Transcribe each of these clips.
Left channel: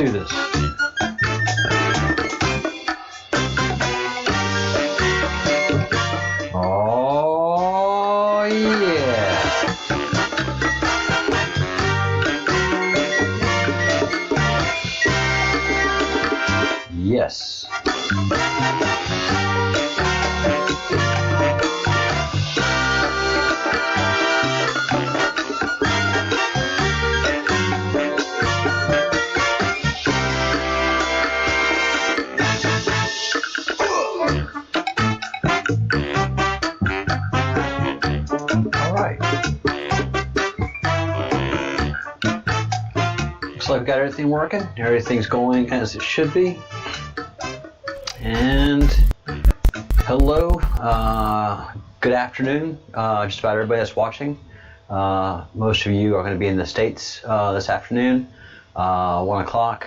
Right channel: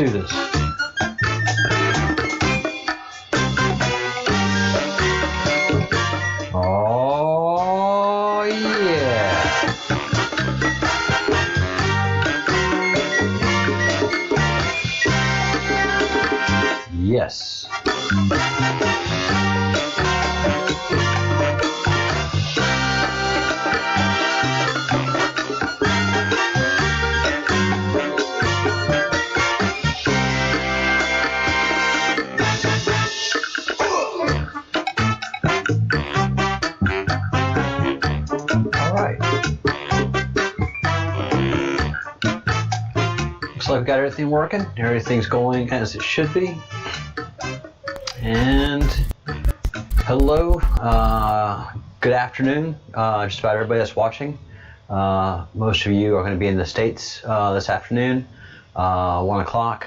do this. Oh, yeah. Yes. I've got everything working, everything's going as it should be. And hello, good afternoon, just about everybody that's watching. Most of you are going to be in the States this afternoon, 1 o'clock.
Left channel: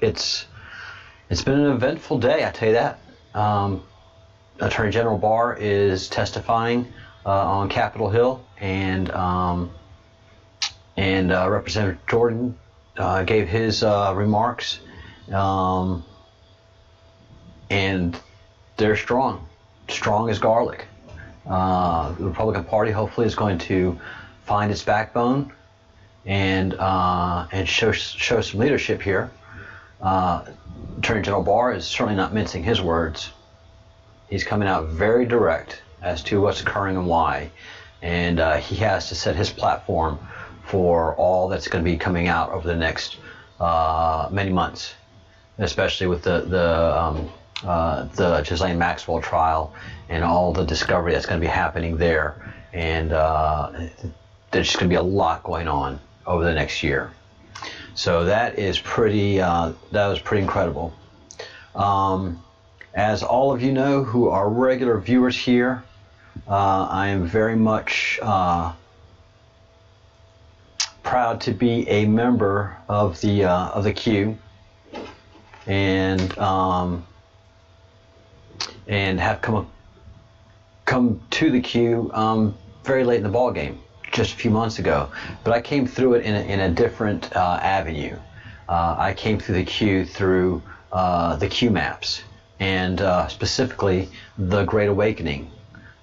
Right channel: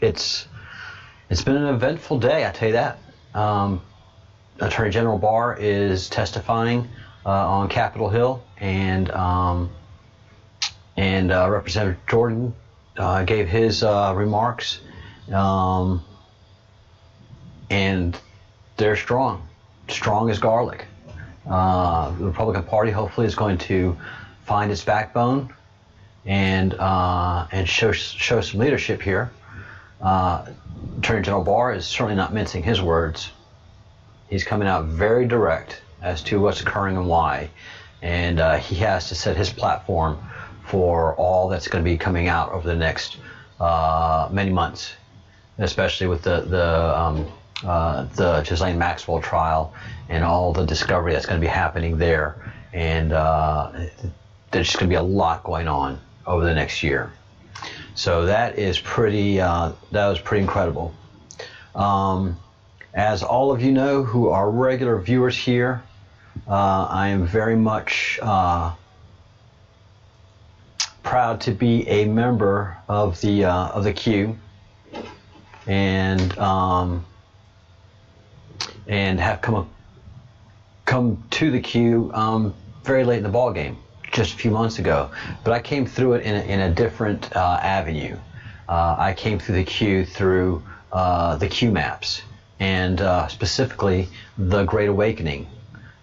It's been an eventful day, I tell you that. Attorney General Barr is testifying on Capitol Hill, and Representative Jordan gave his remarks, and they're strong as garlic. The Republican Party hopefully is going to find its backbone and show some leadership here. Attorney General Barr is certainly not mincing his words. He's coming out very direct as to what's occurring and why, and he has to set his platform for all that's going to be coming out over the next many months, especially with the Ghislaine Maxwell trial and all the discovery that's going to be happening there. And there's just going to be a lot going on over the next year. So that is pretty incredible. As all of you know who are regular viewers here, I am very much proud to be a member of the Q, and have come to the Q very late in the ball game, just a few months ago. But I came through it in a different avenue. I came through the Q through the Q maps, and specifically the Great Awakening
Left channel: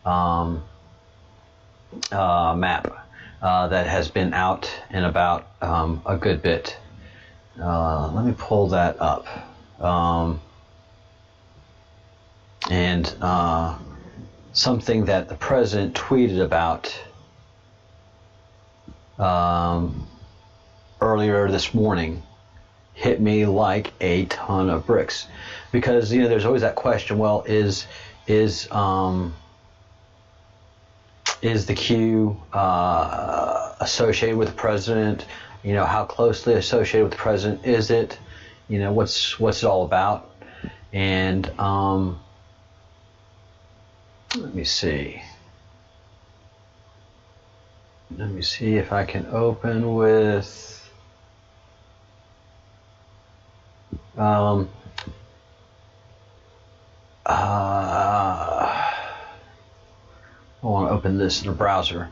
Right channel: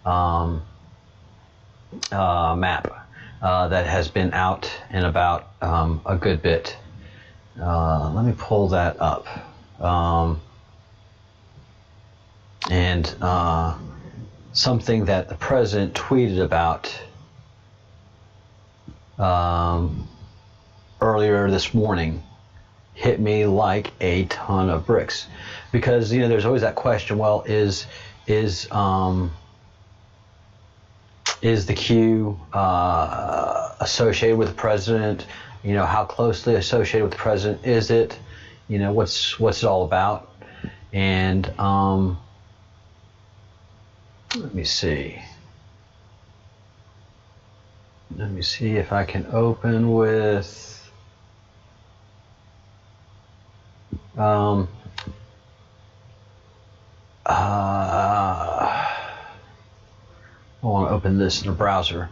map. That has been out and about a good bit. Let me pull that up. And something that the president tweeted about earlier this morning hit me like a ton of bricks, because there's always that question. Well, is the Q associated with the president? How closely associated with the president is it? What's it all about? And let me see if I can open with I want to open this in a browser.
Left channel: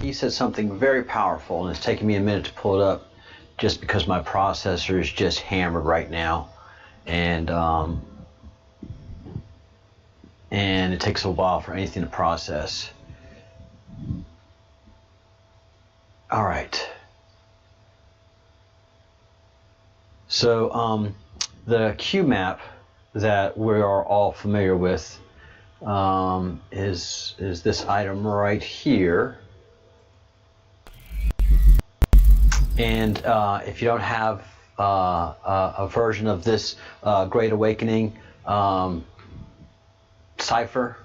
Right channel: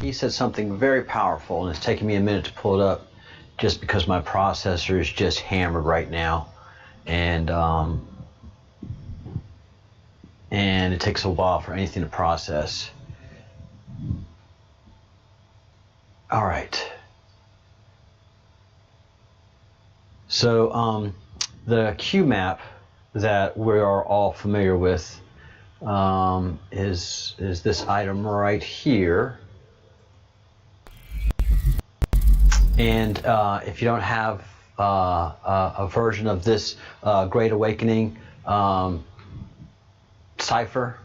He said something very powerful, and it's taking me a minute to pull it up just because my processor is just hammered right now, and it takes a while for anything to process. All right. So the Q map that we are all familiar with is this item right here. And if you don't have a version of this Great Awakening cipher,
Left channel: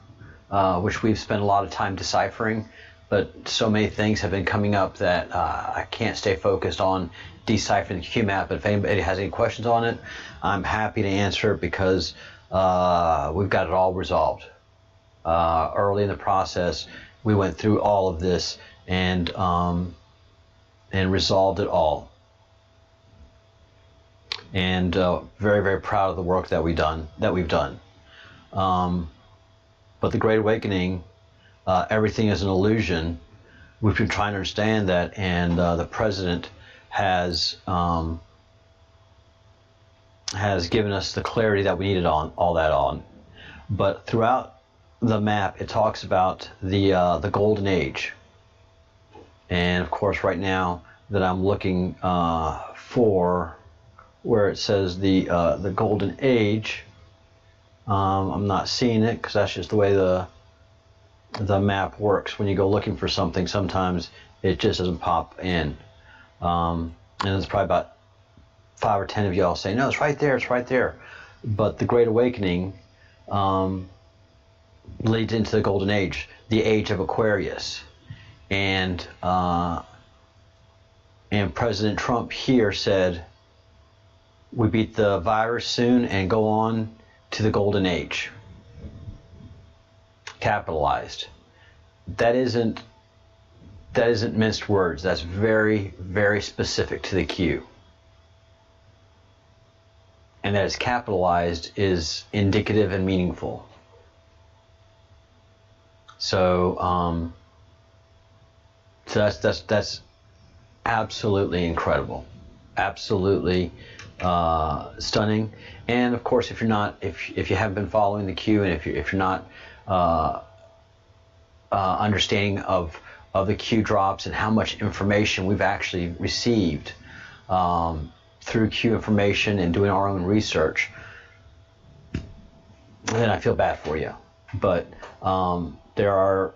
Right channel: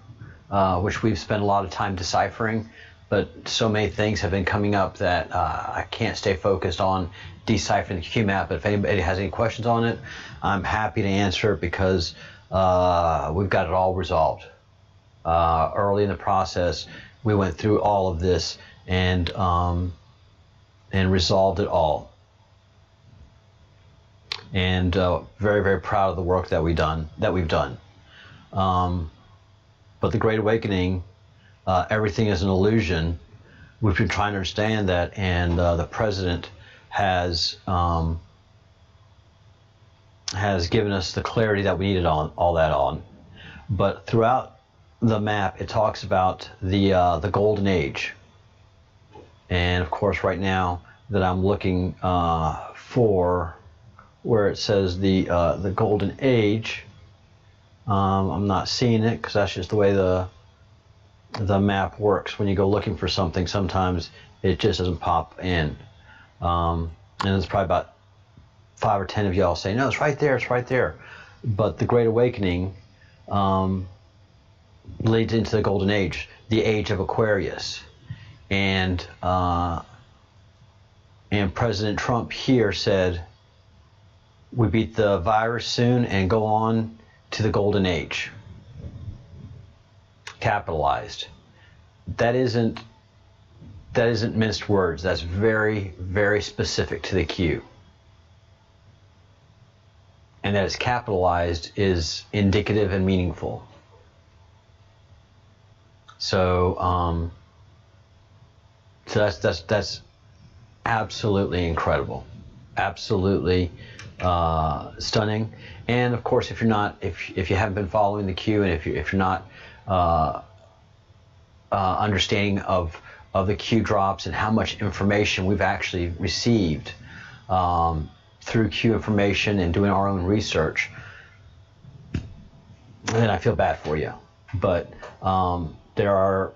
which we've spent a lot of time deciphering, but so many things have been coming up that I can't stay focused on deciphering the Q map. But if anybody has any questions on it, I'm happy to answer it, because we've got it all resolved. Early in the process, we went through all of this and resolved it all. And very, very proud of the work that we've done. But the Great Awakening, everything is an illusion. We've been trying to understand that, and the president has given us the clarity that we needed on all that on. But throughout the map, it talks about the golden age, and of course, right now that I'm looking for where it says the golden age, I'm not seeing it because that's just the way the map works. When you go looking for something, sometimes it just doesn't pop in, and there's probably about 5 or 10 of y'all saying, no, it's right there, it's right there. But the Great Awakening leads into the golden age, the age of Aquarius, and President Trump here said we beat the virus soon and go on to the golden age. Capitalized. That isn't minced words. That's very, very specific to the Q. And that it's capitalized is indicative and meaningful. So, that's absolutely incredible, absolutely stunning. And of course, if you haven't been following the Q, and if you're not understanding of the Q drops and how much information we've actually received through Q information and doing our own research, then I feel bad for you. But there are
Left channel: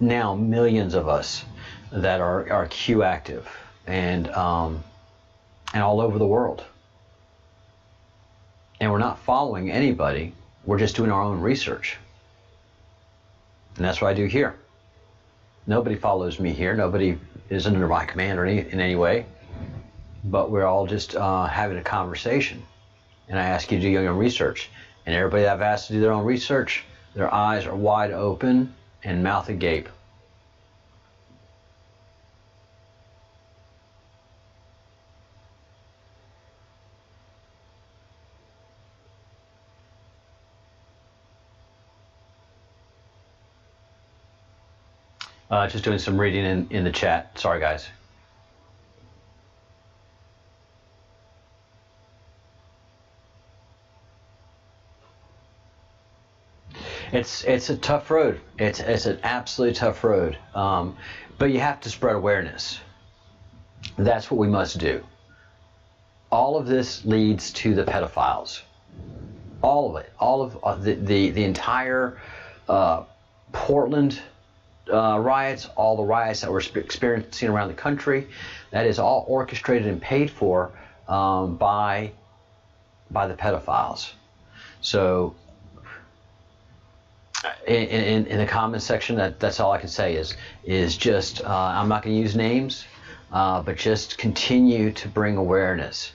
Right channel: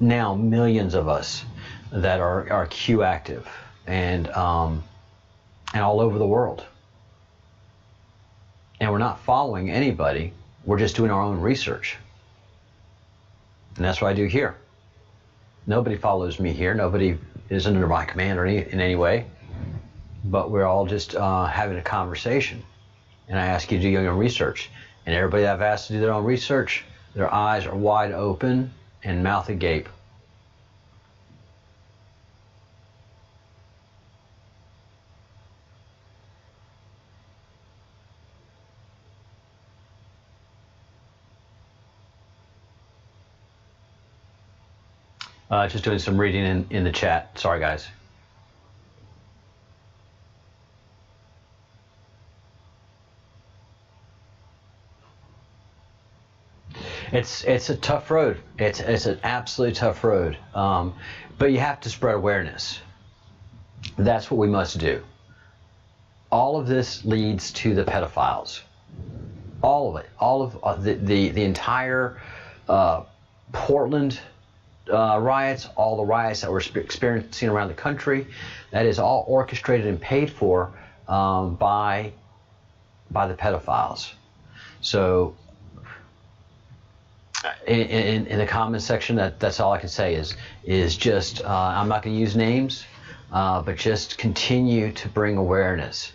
now millions of us that are Q active, and all over the world. And we're not following anybody. We're just doing our own research. And that's what I do here. Nobody follows me here. Nobody is under my command or in any way. But we're all just having a conversation. And I ask you to do your own research. And everybody that I've asked to do their own research, their eyes are wide open and mouth agape. Just doing some reading in the chat. Sorry, guys. It's a tough road. It's an absolutely tough road. But you have to spread awareness. That's what we must do. All of this leads to the pedophiles. All of it. All of the entire Portland riots, all the riots that we're experiencing around the country, that is all orchestrated and paid for by the pedophiles. So in the comment section, that's all I can say is just I'm not going to use names, but just continue to bring awareness.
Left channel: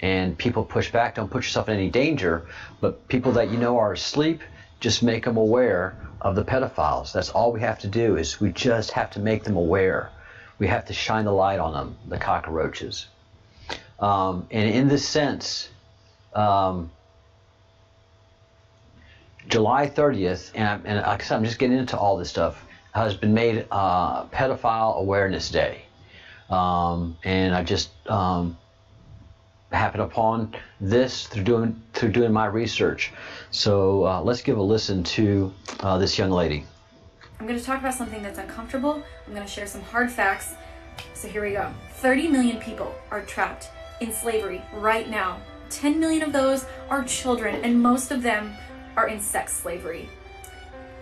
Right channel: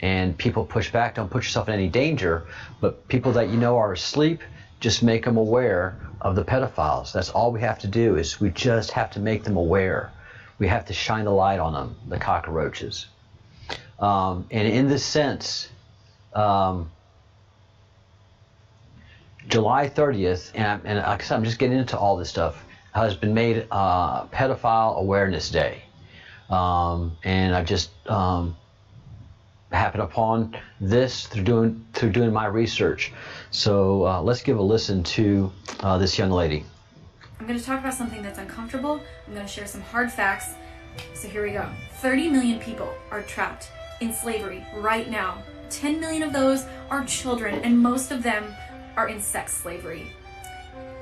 And people push back. Don't put yourself in any danger, but people that you know are asleep, just make them aware of the pedophiles. That's all we have to do, is we just have to make them aware. We have to shine the light on them, the cockroaches. And in this sense, July 30th, and like I said, I'm just getting into all this stuff, has been made Pedophile Awareness Day. And I've just happened upon this through doing my research. So let's give a listen to this young lady. I'm going to talk about something that's uncomfortable. I'm going to share some hard facts. So here we go. 30 million people are trapped in slavery right now. 10 million of those are children, and most of them are in sex slavery.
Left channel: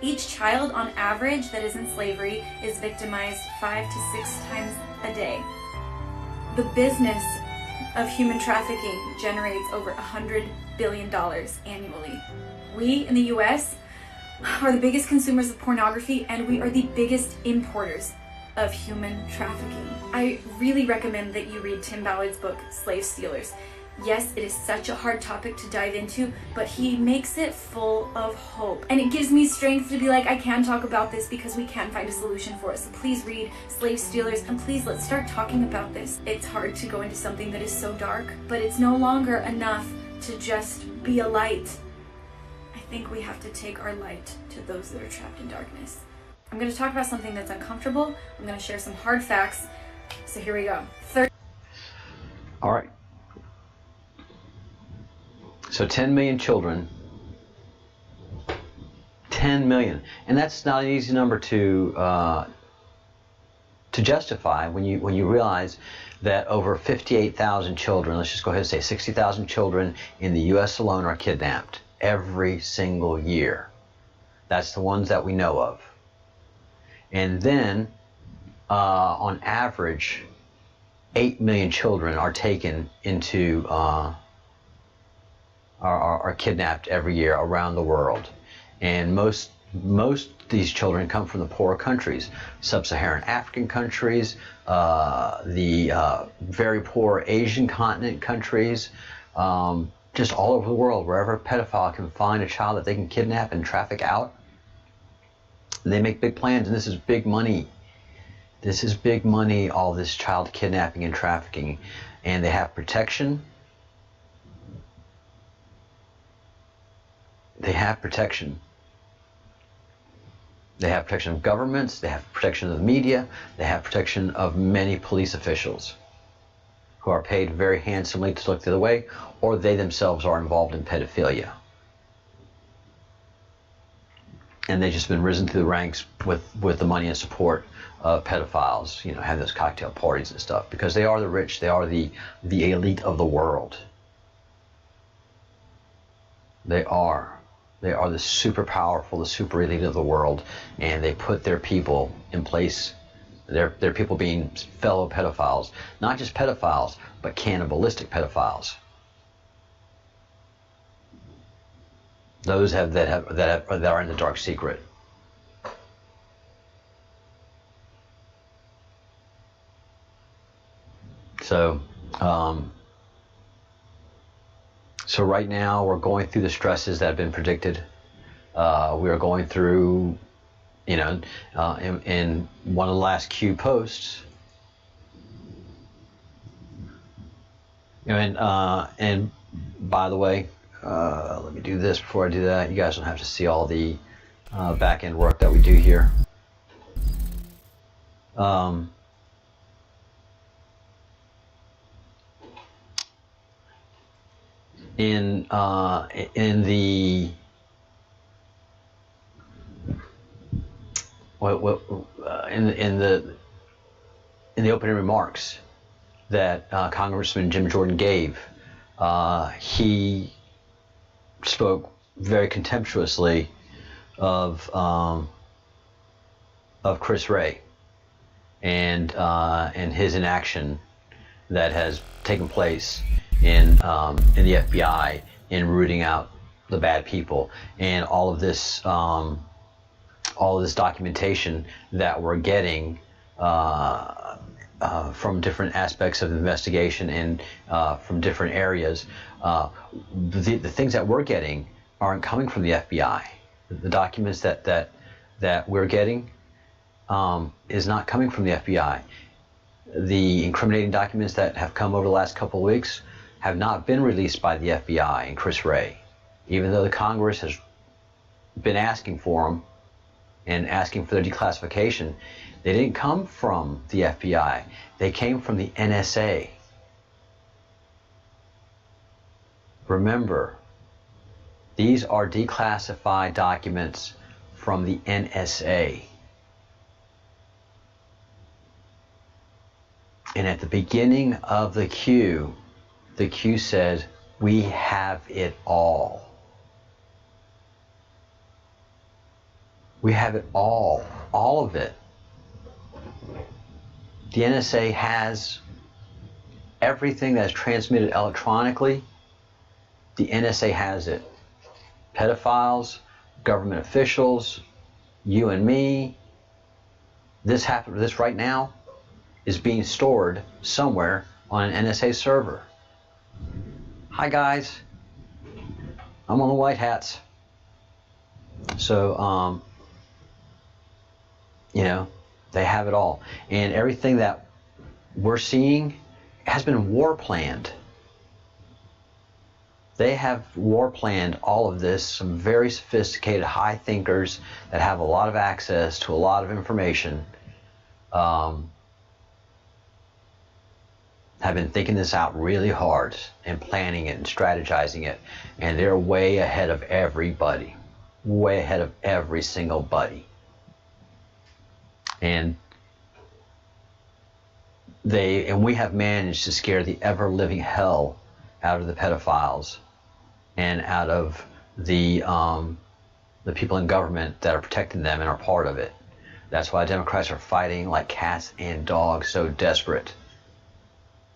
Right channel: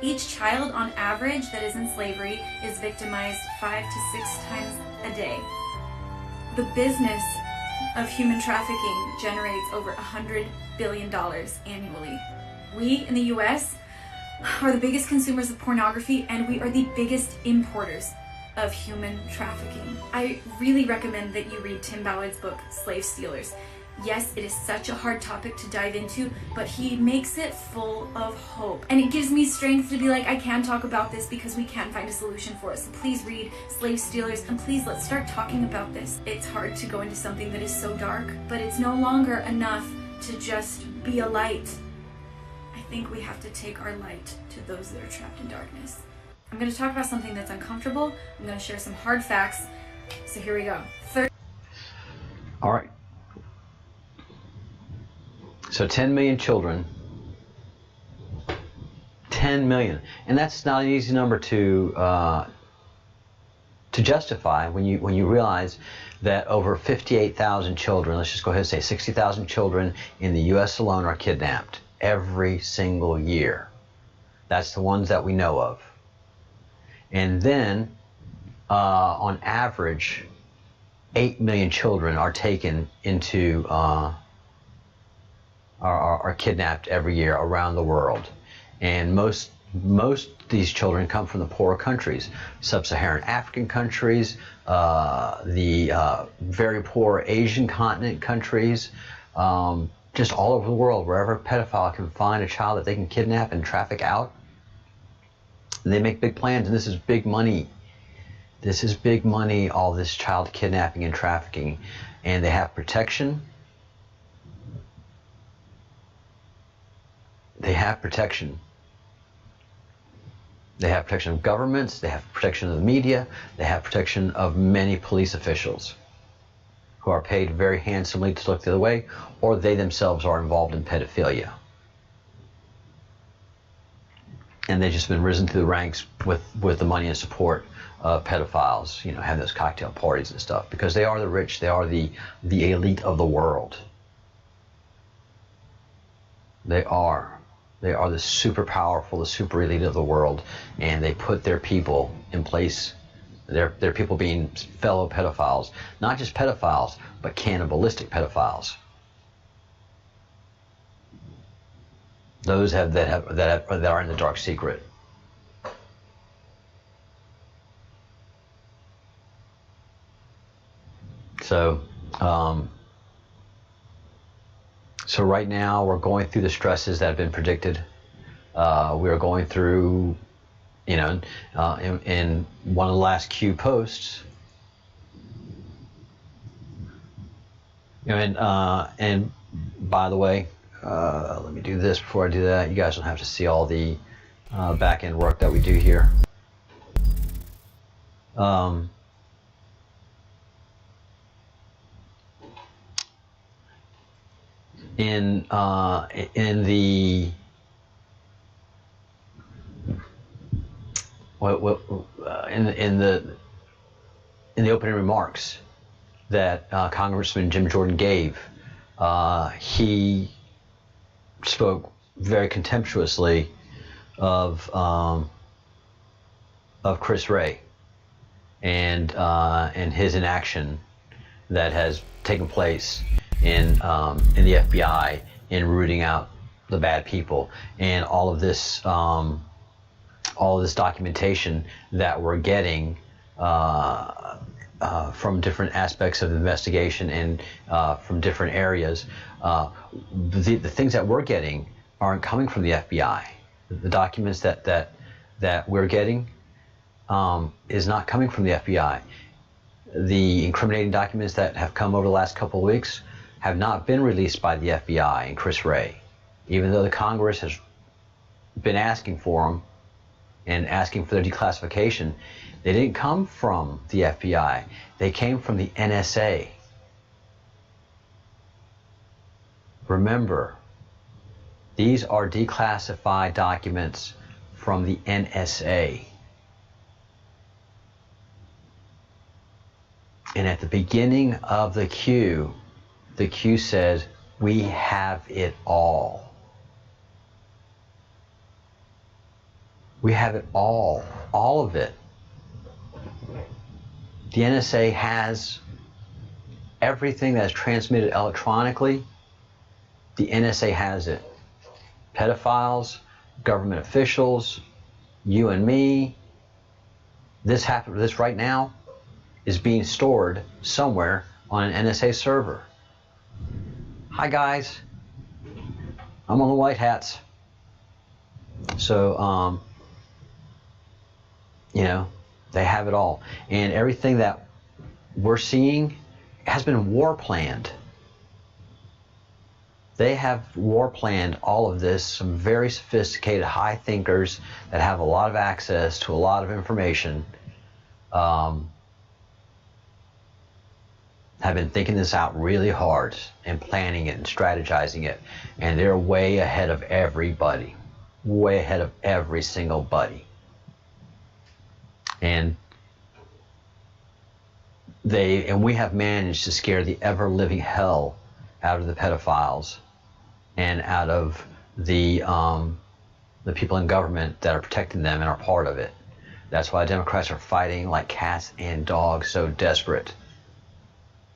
Each child on average that is in slavery is victimized 5 to 6 times a day. The business of human trafficking generates over $100 billion annually. We in the US are the biggest consumers of pornography, and we are the biggest importers of human trafficking. I really recommend that you read Tim Ballard's book, Slave Stealers. Yes, it is such a hard topic to dive into, but he makes it full of hope. And it gives me strength to be like, I can talk about this because we can find a solution for it. So please read Slave Stealers, and please let's start talking about this. It's hard to go into something that is so dark, but it's no longer enough to just be a light. I think we have to take our light to those that are trapped in darkness. I'm going to talk about something that's uncomfortable. I'm going to share some hard facts. So here we go. All right. So 10 million children. 10 million, and that's not an easy number to justify when you realize that over 58,000 children, let's just go ahead and say 60,000 children in the U.S. alone are kidnapped every single year. That's the ones that we know of. And then, on average, 8 million children are taken into are kidnapped every year around the world. And most of these children come from the poorer countries, sub-Saharan African countries, the very poor Asian continent countries, just all over the world, wherever a pedophile can find a child that they can kidnap and traffic out. They make big plans, and this is big money. This is big money, all this child kidnapping and trafficking. And they have protection. They have protection. They have protection of governments, they have protection of the media, they have protection of many police officials who are paid very handsomely to look the other way, or they themselves are involved in pedophilia. And they've just been risen through the ranks with the money and support of pedophiles, you know, have those cocktail parties and stuff, because they are the rich, they are the elite of the world. They are the super powerful, the super elite of the world, and they put their people in place, their people being fellow pedophiles, not just pedophiles, but cannibalistic pedophiles. Those that are in the dark secret. So right now we're going through the stresses that have been predicted. We are going through, you know, in one of the last Q posts, you know, and by the way, let me do this before I do that. You guys don't have to see all the back end work that we do here. In the opening remarks that Congressman Jim Jordan gave, he spoke very contemptuously of Chris Wray and his inaction that has taken place in the FBI in rooting out the bad people, and all of this documentation that we're getting from different aspects of the investigation and from different areas. The things that we're getting aren't coming from the FBI. The documents that we're getting is not coming from the FBI. The incriminating documents that have come over the last couple of weeks have not been released by the FBI and Chris Wray, even though the Congress has been asking for them and asking for their declassification. They didn't come from the FBI. They came from the NSA. Remember, these are declassified documents from the NSA. And at the beginning of the Q said, "We have it all." We have it all of it. The NSA has everything that is transmitted electronically. The NSA has it. Pedophiles, government officials, you and me. This right now is being stored somewhere on an NSA server. Hi guys, I'm on the White Hats. So, you know, they have it all. And everything that we're seeing has been war planned. They have war planned all of this. Some very sophisticated high thinkers that have a lot of access to a lot of information. have been thinking this out really hard and planning it and strategizing it, and they're way ahead of everybody, way ahead of every single buddy. And we have managed to scare the ever-living hell out of the pedophiles and out of the people in government that are protecting them and are part of it. That's why Democrats are fighting like cats and dogs, so desperate.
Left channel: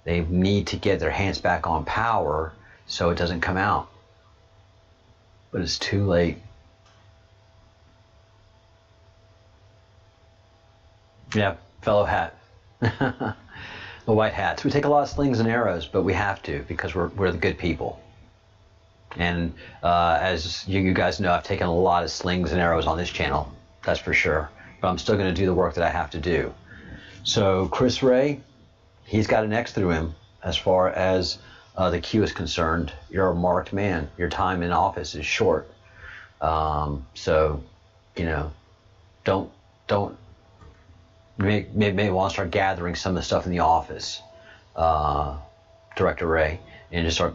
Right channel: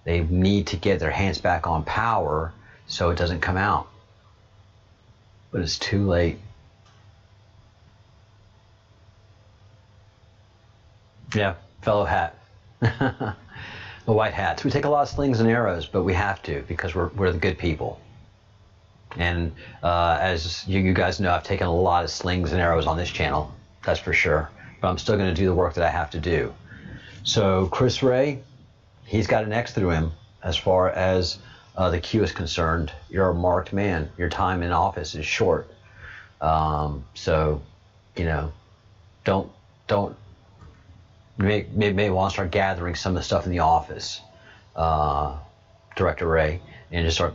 They need to get their hands back on power so it doesn't come out. But it's too late. Yeah, fellow hat. The white hats. We take a lot of slings and arrows, but we have to because we're the good people. And as you guys know, I've taken a lot of slings and arrows on this channel. That's for sure. But I'm still going to do the work that I have to do. So Chris Wray, he's got an X through him as far as the Q is concerned. You're a marked man. Your time in office is short. So, you know, don't maybe want to start gathering some of the stuff in the office, Director Wray, and just start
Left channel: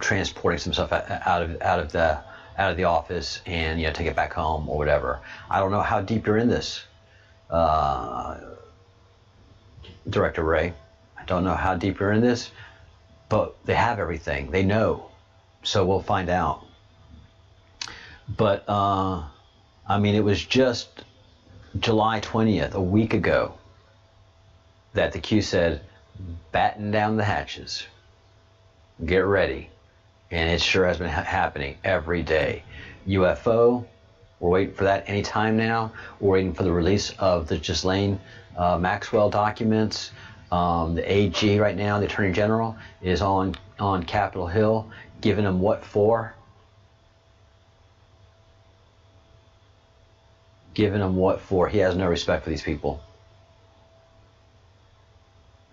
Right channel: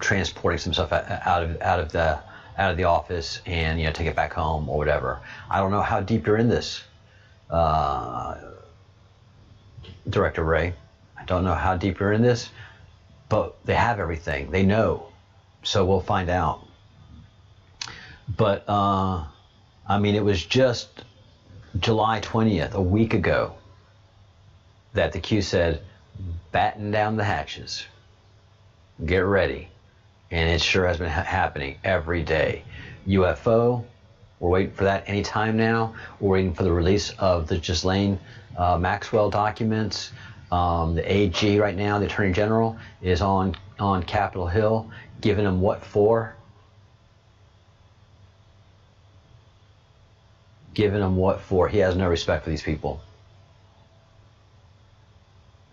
transporting some stuff out of the office and, you know, take it back home or whatever. I don't know how deep you're in this, Director Wray. I don't know how deep you're in this, but they have everything. They know, so we'll find out. But I mean, it was just July 20th, a week ago, that the Q said, batten down the hatches, get ready. And it sure has been happening every day. UFO, we're waiting for that any time now. We're waiting for the release of the Ghislaine Maxwell documents. The AG right now, the Attorney General, is on Capitol Hill, giving them what for? Giving them what for? He has no respect for these people.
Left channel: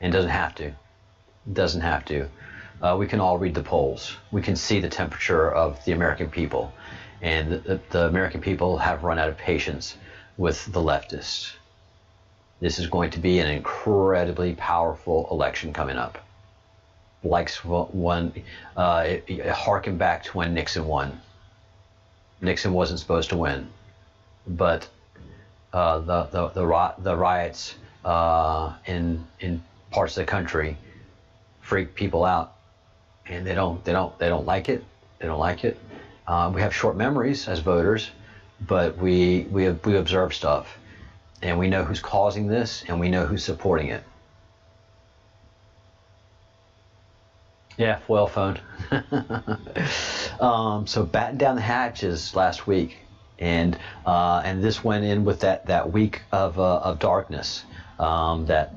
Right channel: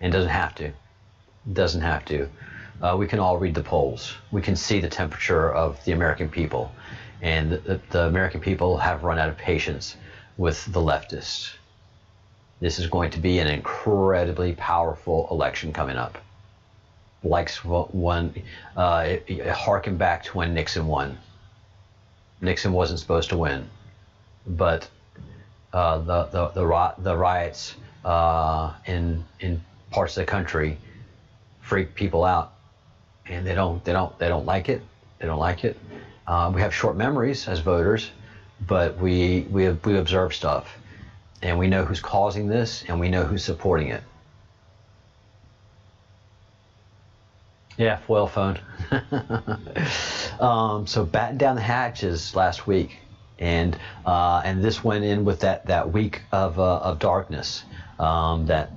And doesn't have to. Doesn't have to. We can all read the polls. We can see the temperature of the American people. And the American people have run out of patience with the leftists. This is going to be an incredibly powerful election coming up. Like one, harken back to when Nixon won. Nixon wasn't supposed to win, but the riots in parts of the country freak people out, and they don't like it. They don't like it. We have short memories as voters, but we observe stuff, and we know who's causing this, and we know who's supporting it. Yeah, foil phone. So batten down the hatches last week, and this went in with that week of darkness that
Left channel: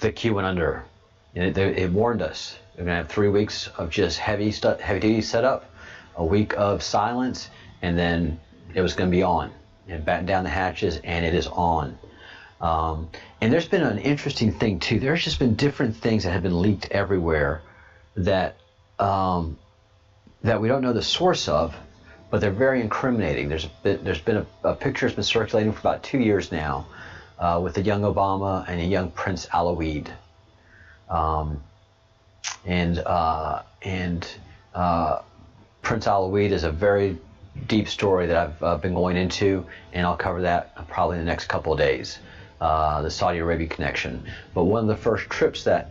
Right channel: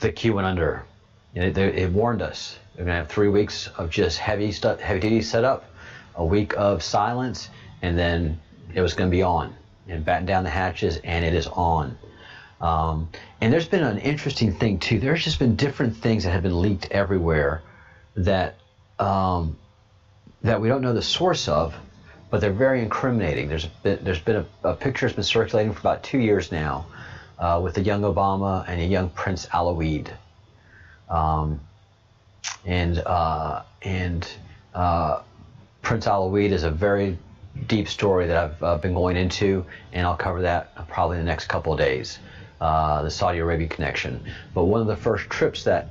the Q went under. It warned us. We're gonna have 3 weeks of just heavy duty setup, a week of silence, and then it was gonna be on. And batten down the hatches, and it is on. And there's been an interesting thing too. There's just been different things that have been leaked everywhere that we don't know the source of, but they're very incriminating. There's been a picture that's been circulating for about 2 years now, with a young Obama and a young Prince Alaoude. Prince Alaoude is a very deep story that I've been going into, and I'll cover that probably in the next couple of days, the Saudi Arabia connection. But one of the first trips that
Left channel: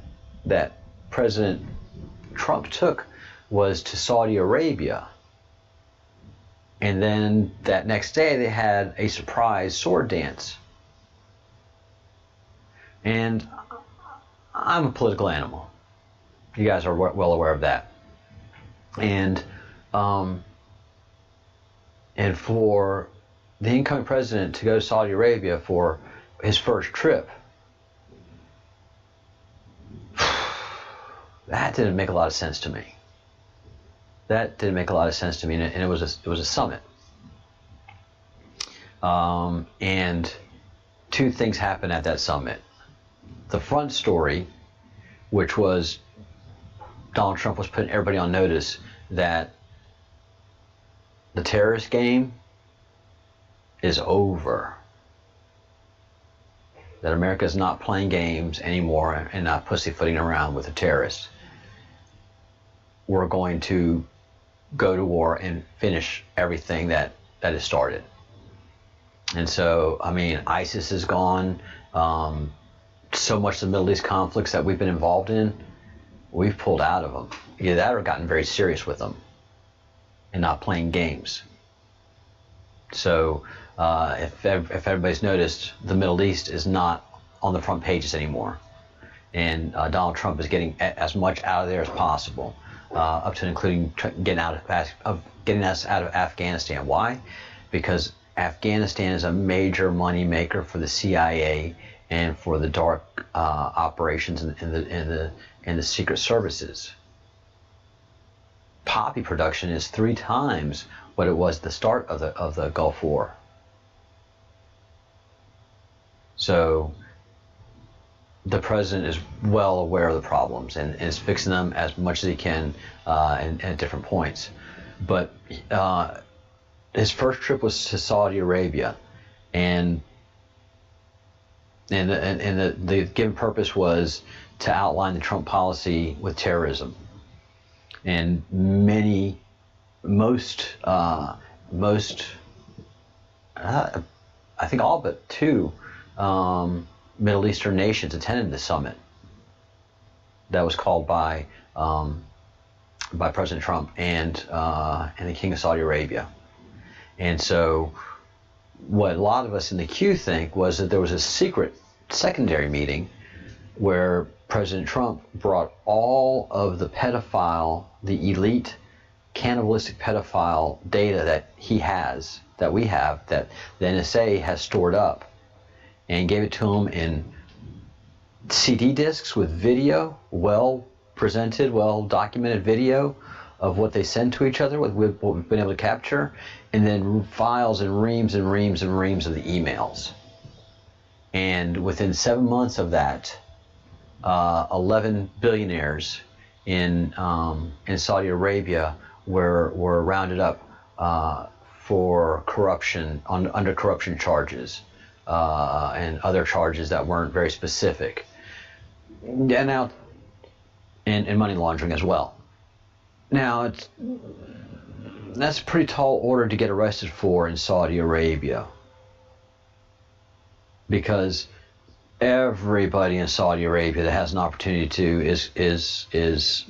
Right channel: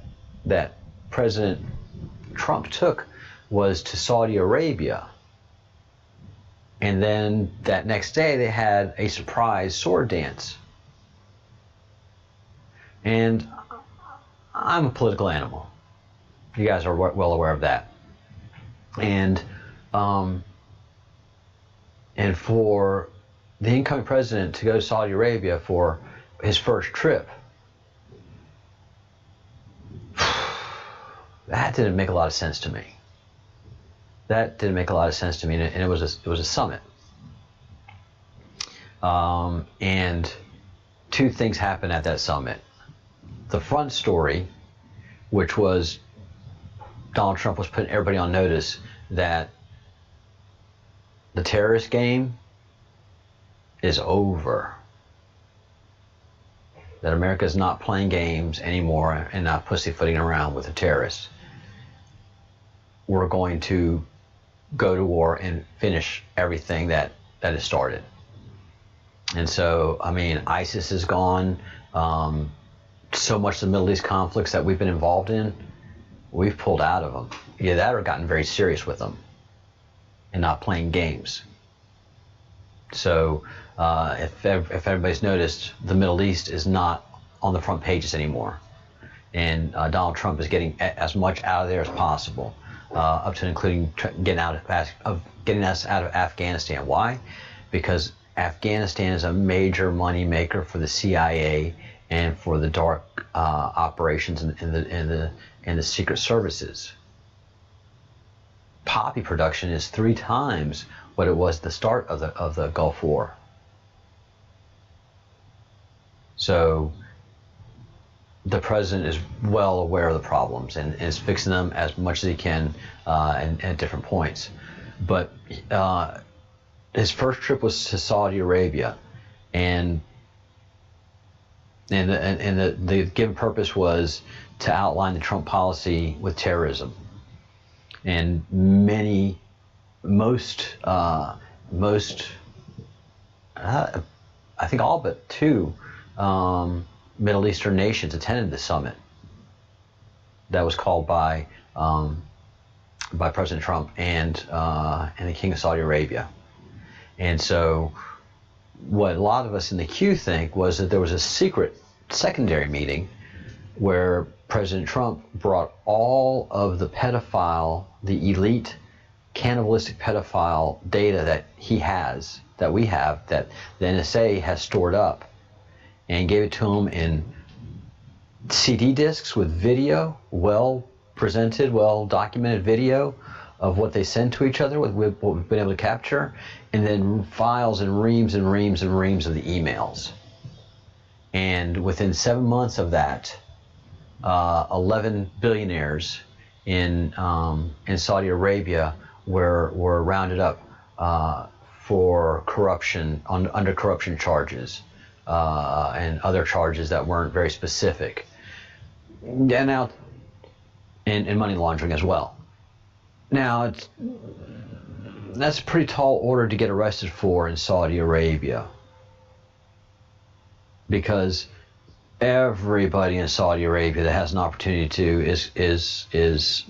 President Trump took was to Saudi Arabia, and then that next day they had a surprise sword dance. And I'm a political animal. You guys are well aware of that. And for the incoming president to go to Saudi Arabia for his first trip, that didn't make a lot of sense to me. That didn't make a lot of sense to me, and it was a summit. And two things happened at that summit. The front story, which was Donald Trump was putting everybody on notice that the terrorist game is over. That America is not playing games anymore and not pussyfooting around with the terrorists. We're going to go to war and finish everything that is started. And so, I mean, ISIS is gone. So much of the Middle East conflicts that we've been involved in, we've pulled out of them. Either that or gotten very serious with them and not playing games. So if everybody's noticed, the Middle East is not on the front pages anymore. And Donald Trump is getting as much out of there as possible, up to and including getting us out of Afghanistan. Why? Because Afghanistan is a major money maker for the CIA and for the dark operations in the secret services. Poppy production is 3 times what it was at the start of the Gulf War. So the president is well aware of the problems and is fixing them as much as he can and at different points. But his first trip was to Saudi Arabia, and the given purpose was to outline the Trump policy with terrorism. And most, I think all but 2 Middle Eastern nations attended the summit that was called by President Trump and the King of Saudi Arabia. And so what a lot of us in the queue think was that there was a secret secondary meeting where President Trump brought all of the the elite cannibalistic pedophile data that we have, that the NSA has stored up, and gave it to him in CD discs with video, well presented, well documented video of what they send to each other, with what we've been able to capture, and then files and reams and reams and reams of the emails. And within 7 months of that, 11 billionaires in Saudi Arabia were rounded up for corruption, under corruption charges and other charges that weren't very specific, and now and money laundering as well. Now that's a pretty tall order to get arrested for in Saudi Arabia, because everybody in Saudi Arabia that has an opportunity to is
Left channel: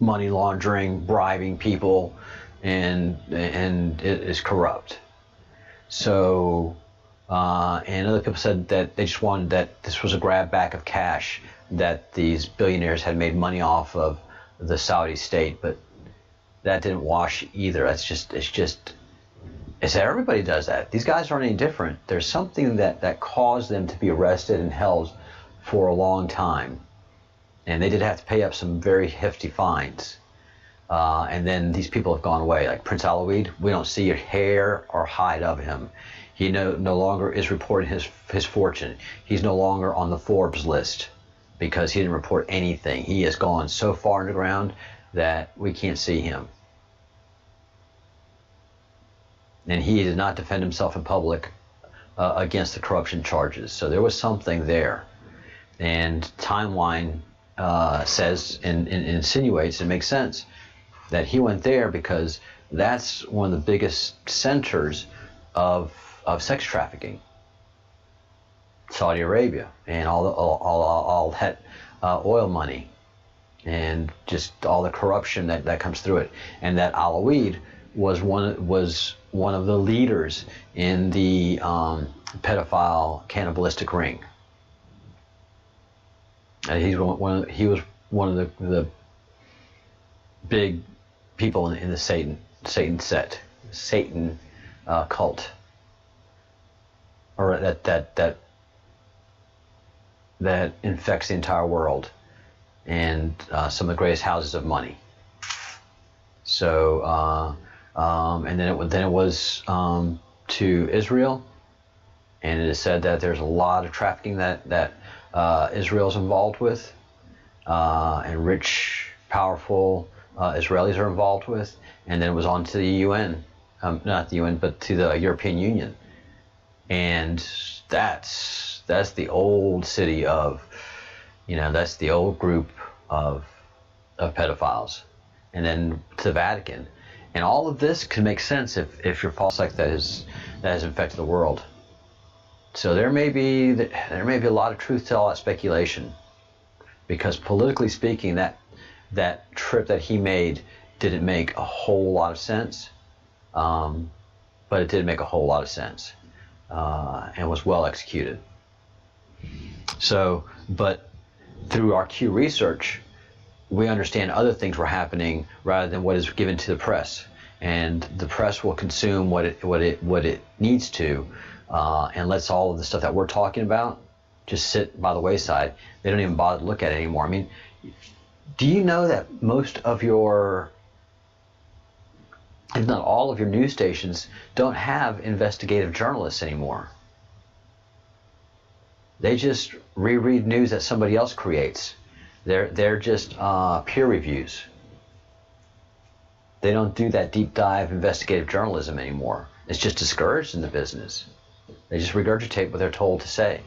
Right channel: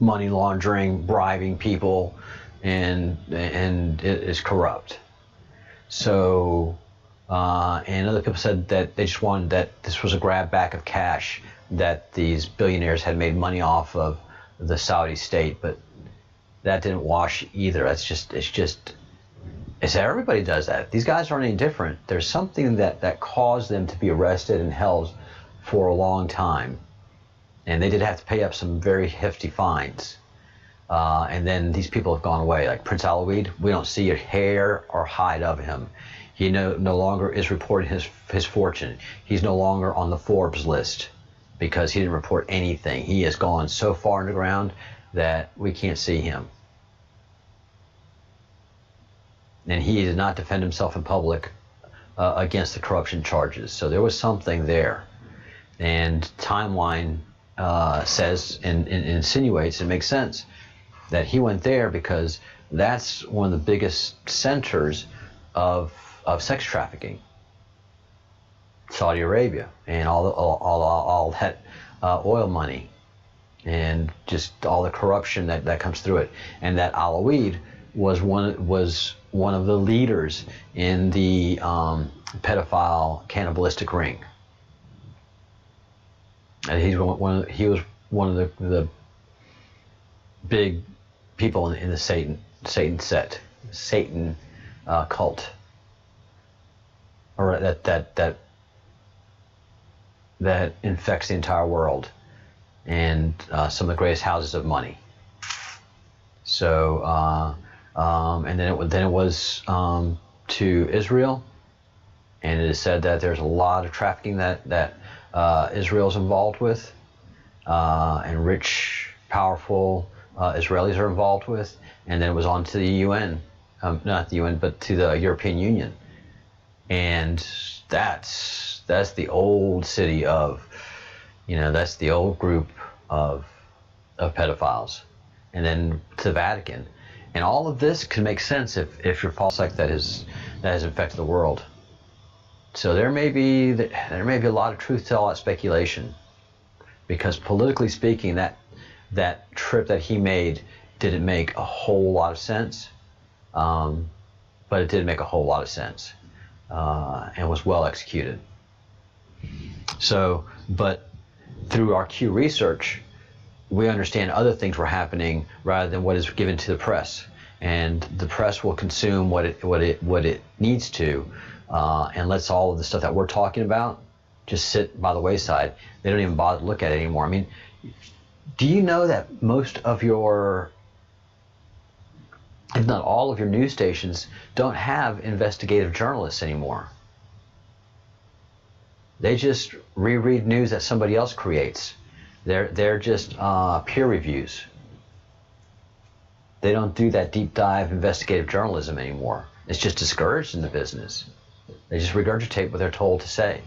money laundering, bribing people, and it is corrupt. So and other people said that they just wanted, that this was a grab back of cash that these billionaires had made money off of the Saudi state, but that didn't wash either. It's everybody does that. These guys aren't any different. There's something that caused them to be arrested and held for a long time, and they did have to pay up some very hefty fines. And then these people have gone away. Like Prince Alawid, we don't see a hair or hide of him. He no longer is reporting his fortune. He's no longer on the Forbes list because he didn't report anything. He has gone so far underground that we can't see him. And he did not defend himself in public against the corruption charges. So there was something there. And timeline says and insinuates, and makes sense, that he went there because that's one of the biggest centers of sex trafficking. Saudi Arabia, and all that oil money, and just all the corruption that comes through it. And that Alawid was one of the leaders in the pedophile cannibalistic ring. And he was one of the big people in the Satan cult, or that infects the entire world, and some of the greatest houses of money. So and then it was to Israel, and it is said that there's a lot of trafficking that Israel's involved with, and rich, powerful Israelis are involved with. And then it was on to the UN, not the UN, but to the European Union, And that's the old city of, that's the old group of pedophiles. And then to the Vatican. And all of this can make sense if your false sect that has infected the world. So there may be a lot of truth to all that speculation, because politically speaking, that trip that he made didn't make a whole lot of sense, but it did make a whole lot of sense, and was well executed. So, but through our Q research, we understand other things were happening rather than what is given to the press, and the press will consume what it needs to, and lets all of the stuff that we're talking about just sit by the wayside. They don't even bother to look at it anymore. I mean, do you know that most of your, if not all of your news stations, don't have investigative journalists anymore? They just reread news that somebody else creates. They're just peer reviews. They don't do that deep dive investigative journalism anymore. It's just discouraged in the business. They just regurgitate what they're told to say.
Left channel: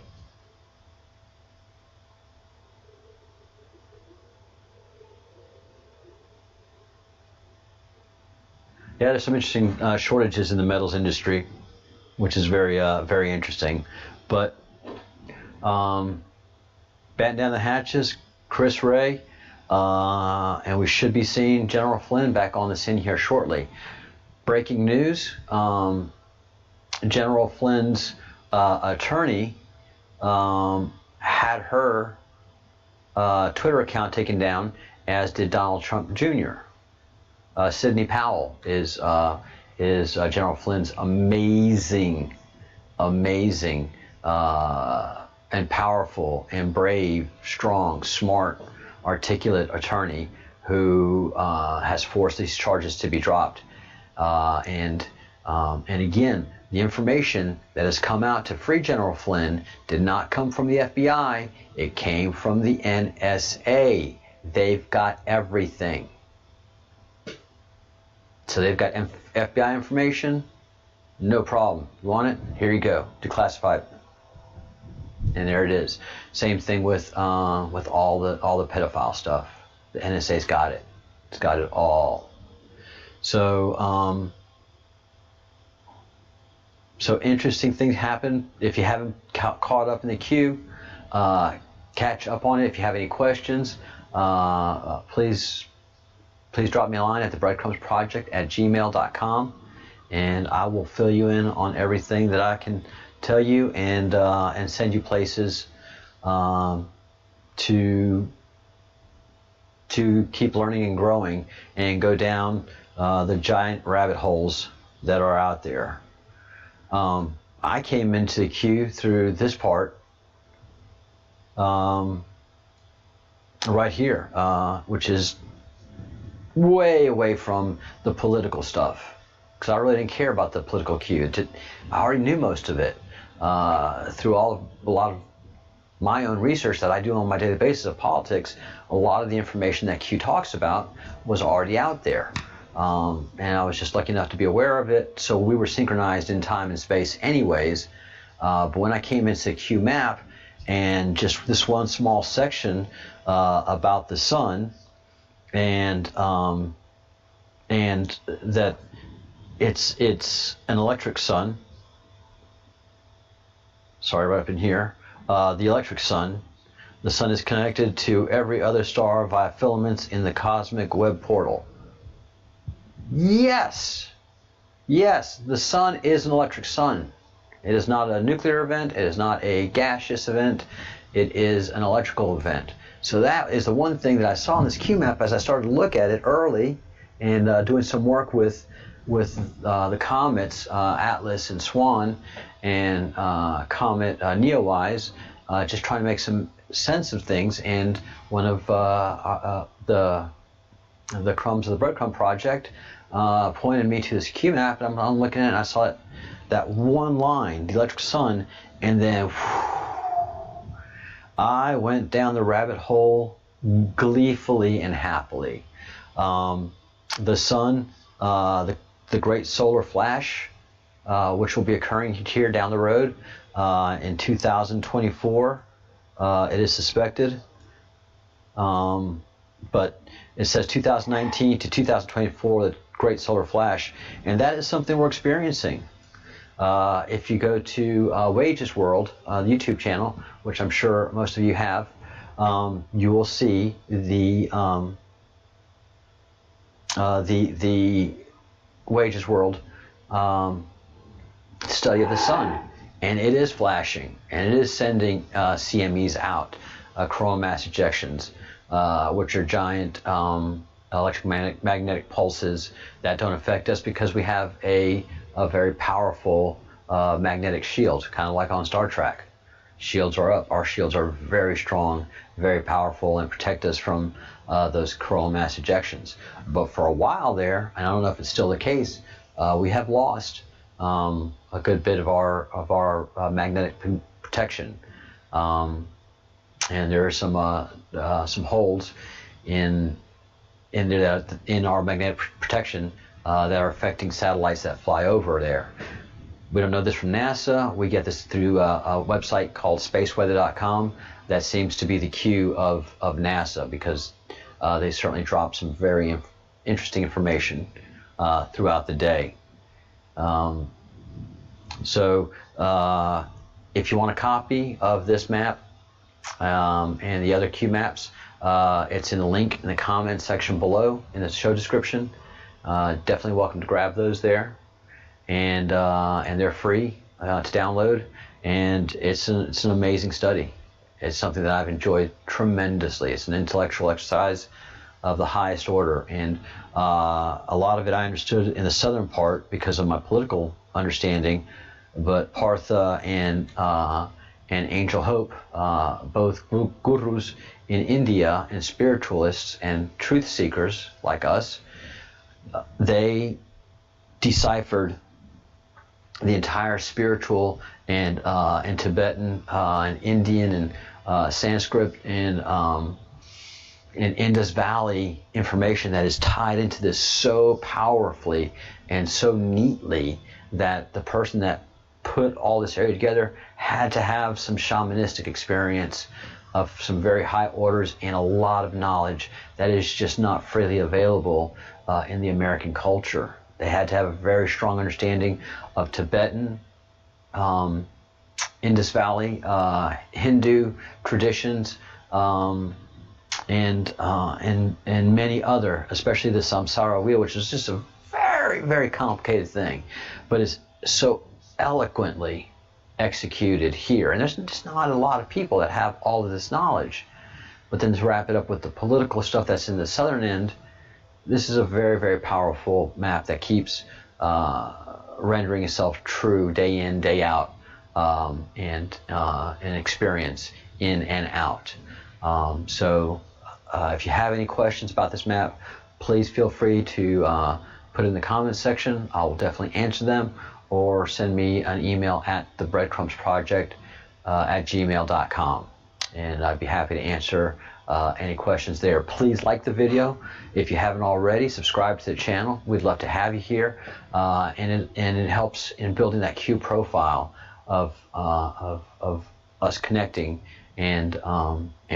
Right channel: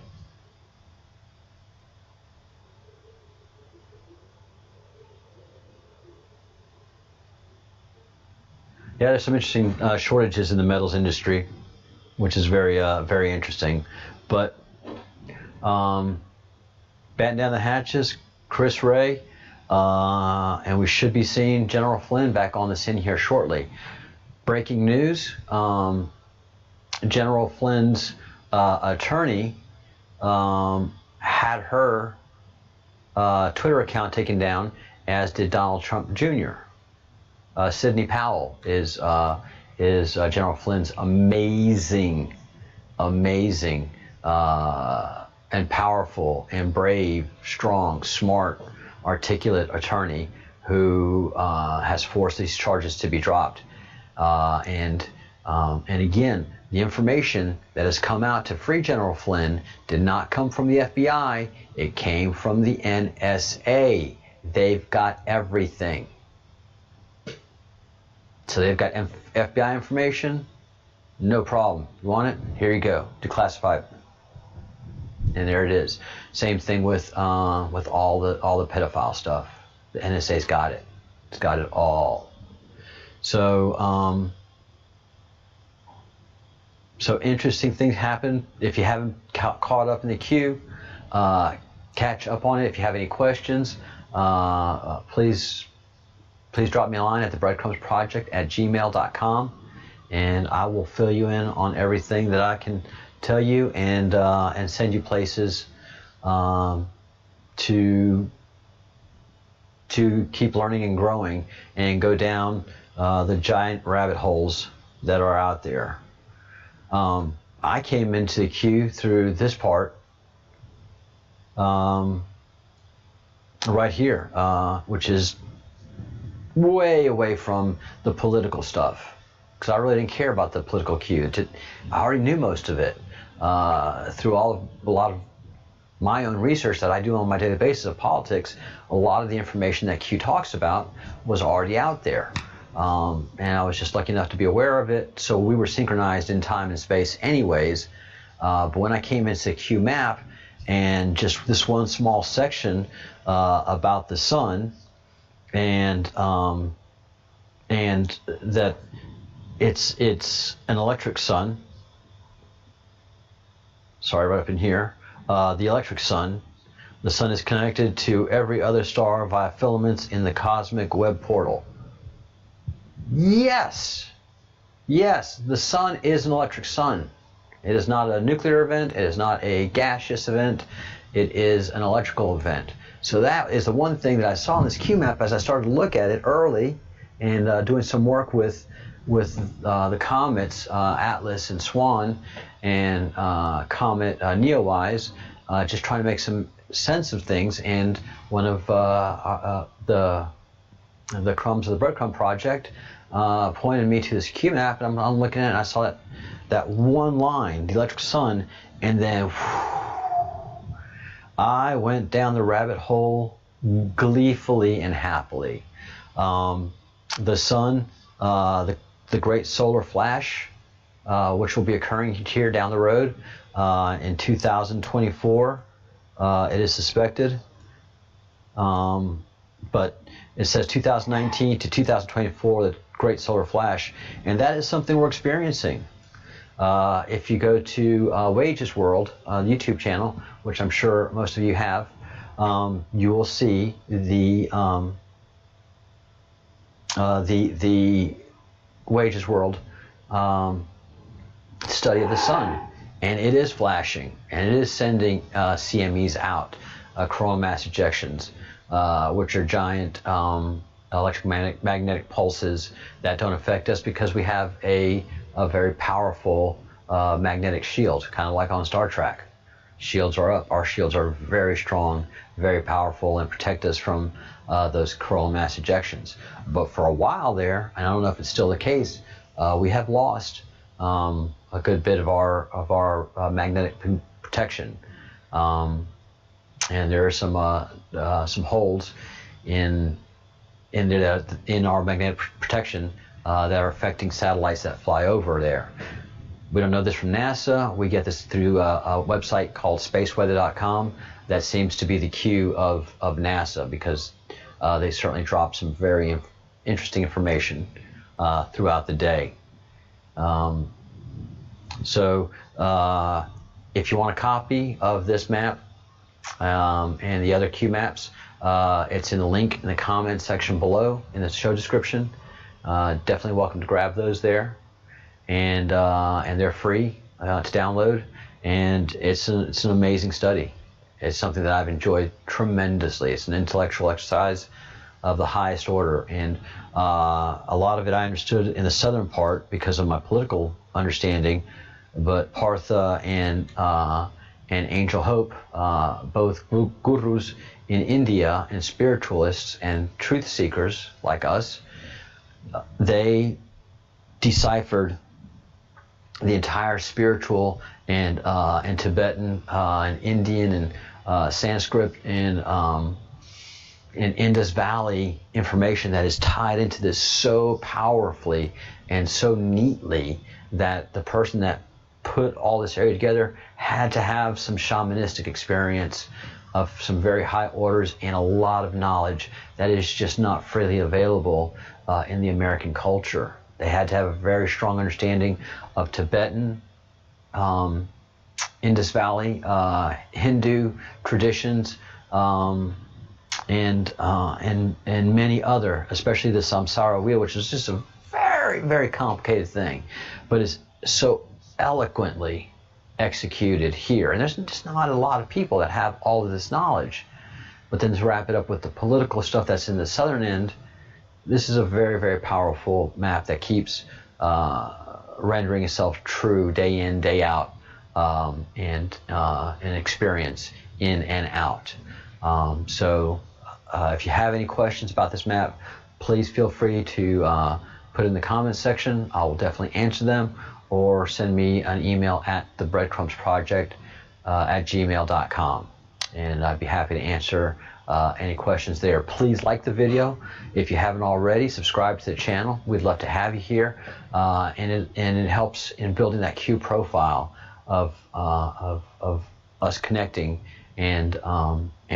Yeah, there's some interesting shortages in the metals industry, which is very interesting. But batten down the hatches, Chris Ray, and we should be seeing General Flynn back on the scene here shortly. Breaking news, General Flynn's attorney had her Twitter account taken down, as did Donald Trump Jr. Sidney Powell is General Flynn's amazing, and powerful and brave, strong, smart, articulate attorney who has forced these charges to be dropped. And again, the information that has come out to free General Flynn did not come from the FBI. It came from the NSA. They've got everything. So they've got FBI information, no problem. You want it? Here you go, declassified. And there it is. Same thing with all the pedophile stuff. The NSA's got it. It's got it all. So so interesting things happen. If you haven't caught up in the queue, catch up on it. If you have any questions, please drop me a line at the Breadcrumbs Project at gmail.com, and I will fill you in on everything that I can tell you, and send you places to keep learning and growing and go down the giant rabbit holes that are out there. I came into the queue through this part right here, which is way away from the political stuff, because I really didn't care about the political queue. I already knew most of it through a lot of my own research that I do on my daily basis of politics. A lot of the information that Q talks about was already out there, and I was just lucky enough to be aware of it. So we were synchronized in time and space anyways. But when I came into Q map and just this one small section about the sun, and that it's an electric sun. Sorry, right up in here, the electric sun. The sun is connected to every other star via filaments in the cosmic web portal. Yes, the sun is an electric sun. It is not a nuclear event. It is not a gaseous event. It is an electrical event. So that is the one thing that I saw in this Q map as I started to look at it early, and doing some work with the comets, Atlas and Swan, and comet Neowise, just trying to make some sense of things. And one of the crumbs of the Breadcrumb Project pointed me to this Q map, and I'm looking at it, and I saw that one line, the electric sun, and then I went down the rabbit hole gleefully and happily. The sun, the great solar flash, which will be occurring here down the road in 2024. It is suspected, but it says 2019 to 2024, the Great Solar Flash, and that is something we're experiencing. If you go to Wages World, the YouTube channel, which I'm sure most of you have, you will see the Wages World study of the sun, and it is flashing, and it is sending CMEs out, coronal mass ejections, which are giant electromagnetic pulses that don't affect us because we have a very powerful magnetic shield, kind of like on Star Trek. Shields are up. Our shields are very strong, very powerful, and protect us from those coronal mass ejections. But for a while there, and I don't know if it's still the case, we have lost a good bit of our magnetic protection, and there are some holes in our magnetic protection that are affecting satellites that fly over there. We don't know this from NASA. We get this through a website called spaceweather.com. That seems to be the cue of NASA, because they certainly drop some very interesting information throughout the day. So if you want a copy of this map and the other Q maps, it's in the link in the comments section below in the show description. Definitely welcome to grab those there, and they're free to download, and it's an amazing study. It's something that I've enjoyed tremendously. It's an intellectual exercise of the highest order, and a lot of it I understood in the southern part because of my political understanding, but Partha and Angel Hope, both gurus in India and spiritualists and truth seekers like us, they deciphered the entire spiritual and Tibetan and Indian and Sanskrit and Indus Valley information that is tied into this so powerfully and so neatly that the person that put all this area together had to have some shamanistic experience of some very high orders and a lot of knowledge that is just not freely available in the American culture. They had to have a very strong understanding of Tibetan, Indus Valley, Hindu traditions, and many other, especially the samsara wheel, which is just a very, very complicated thing, but is so eloquently executed here. And there's just not a lot of people that have all of this knowledge. But then to wrap it up with the political stuff that's in the southern end, this is a very, very powerful map that keeps rendering itself true day in, day out, and an experience in and out. So if you have any questions about this map, please feel free to put it in the comments section. I will definitely answer them, or send me an email at thebreadcrumbsproject at gmail.com, and I'd be happy to answer any questions there. Please like the video. If you haven't already, subscribe to the channel. We'd love to have you here, and it helps in building that Q profile of us connecting and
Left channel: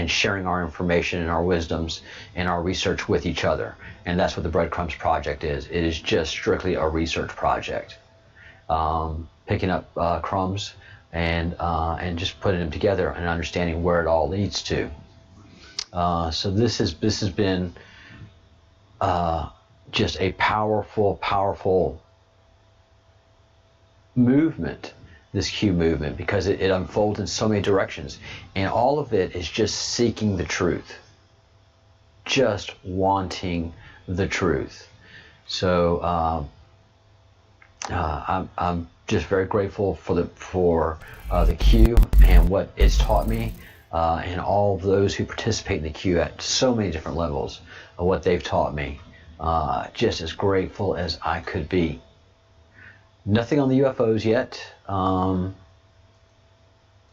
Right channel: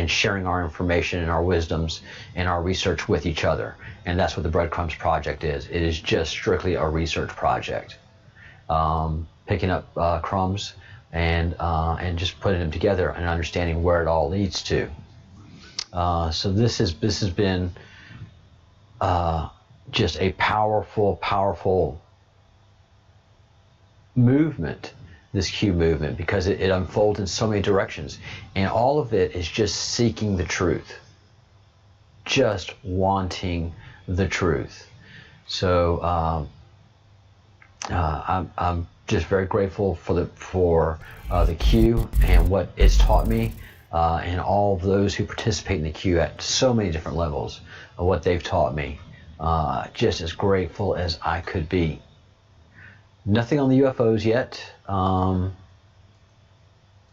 sharing our information and our wisdoms and our research with each other. And that's what the Breadcrumbs Project is. It is just strictly a research project. Picking up crumbs and just putting them together and understanding where it all leads to. So this has been just a powerful movement, this Q movement, because it unfolds in so many directions, and all of it is just seeking the truth, just wanting the truth. So I'm just very grateful for the Q and what it's taught me, and all of those who participate in the Q at so many different levels of what they've taught me. Just as grateful as I could be. Nothing on the UFOs yet,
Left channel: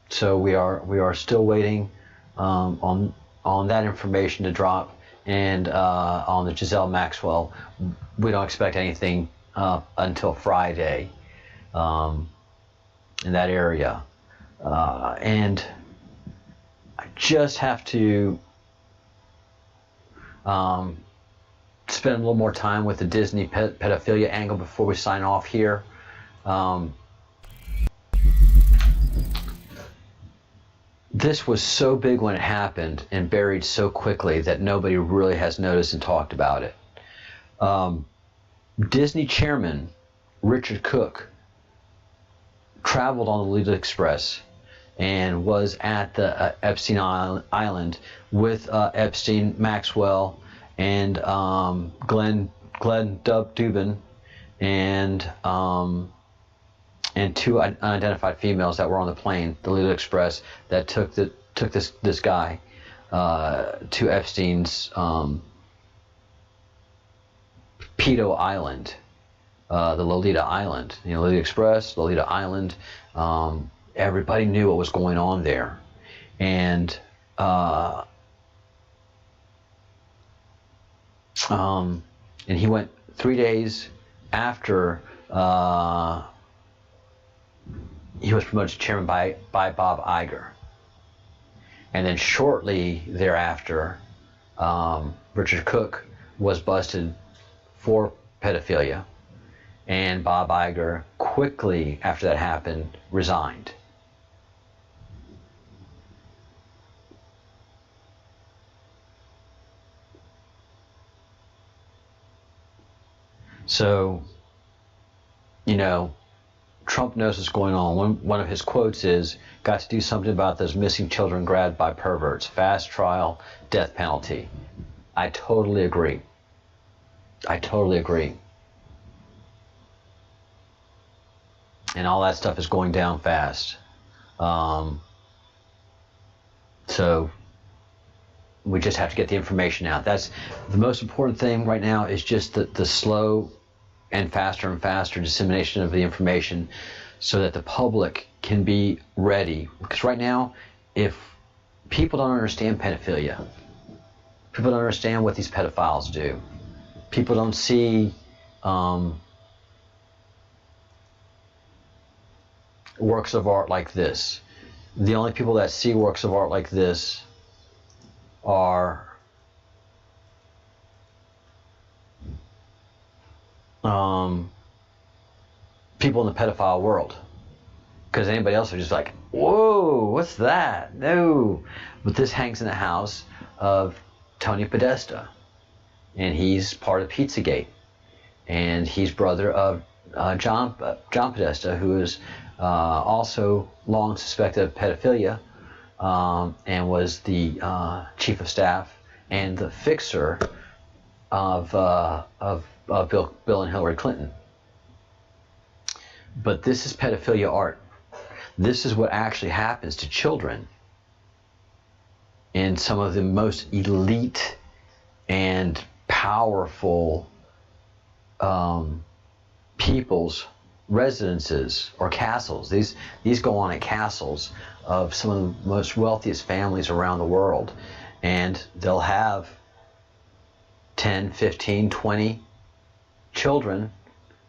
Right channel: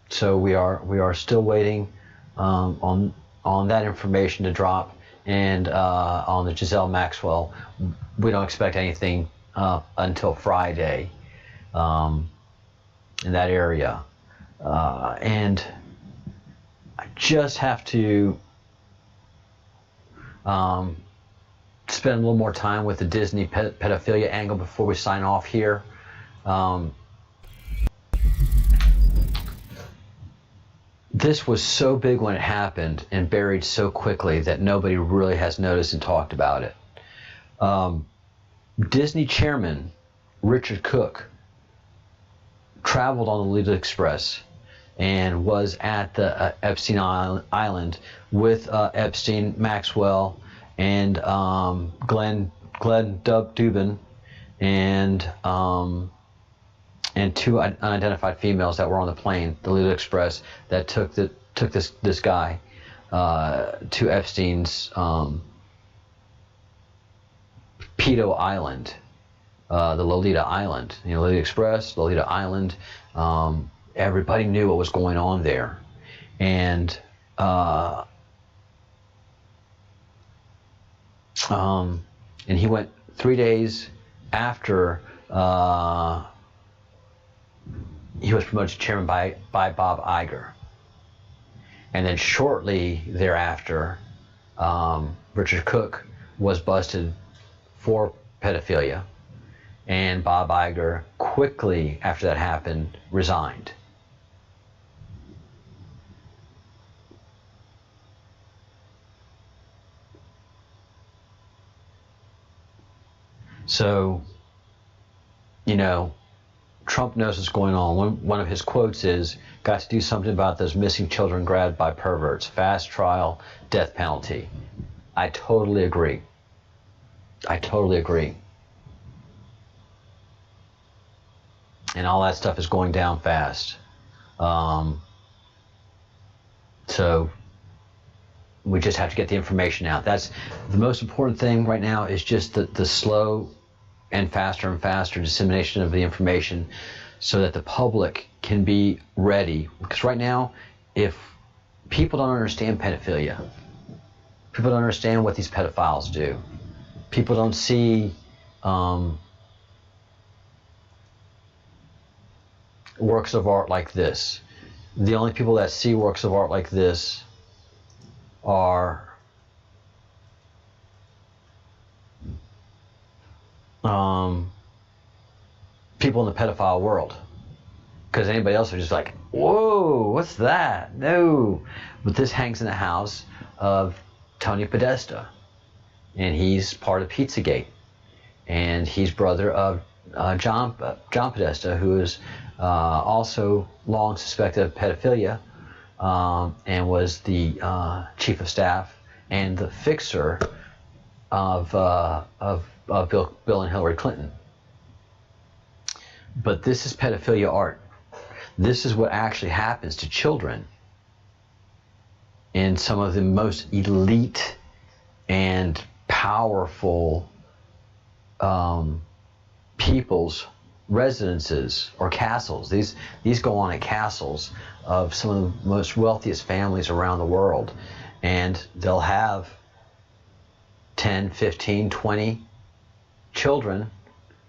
so we are still waiting on that information to drop, and on the Giselle Maxwell, we don't expect anything until Friday. in that area. And I just have to spend a little more time with the Disney pedophilia angle before we sign off here. This was so big when it happened and buried so quickly that nobody really has noticed and talked about it. Disney chairman Richard Cook traveled on the Lolita Express and was at the Epstein Island with Epstein, Maxwell, and Glenn Dubin, and two unidentified females that were on the plane, the Lolita Express, that took this guy to Epstein's pedo island, the Lolita Island. You know, Lolita Express, Lolita Island. Everybody knew what was going on there, and he went 3 days after he was promoted to chairman by Bob Iger, and then shortly thereafter, Richard Cook was busted for pedophilia, and Bob Iger quickly after that happened resigned. So, you know, Trump knows what's going on. One of his quotes is, "Got to do something about those missing children grabbed by perverts. Fast trial, death penalty." I totally agree. I totally agree. And all that stuff is going down fast. So we just have to get the information out. That's the most important thing right now, is just the slow and faster dissemination of the information so that the public can be ready. Because right now, if people don't understand pedophilia, people don't understand what these pedophiles do, people don't see works of art like this. The only people that see works of art like this are people in the pedophile world, because anybody else are just like, whoa, what's that? No. But this hangs in the house of Tony Podesta, and he's part of Pizzagate, and he's brother of John Podesta, who is also long suspected of pedophilia, and was the chief of staff and the fixer of Bill and Hillary Clinton. But this is pedophilia art. This is what actually happens to children in some of the most elite and powerful people's residences or castles. These go on at castles of some of the most wealthiest families around the world, and they'll have 10, 15, 20 children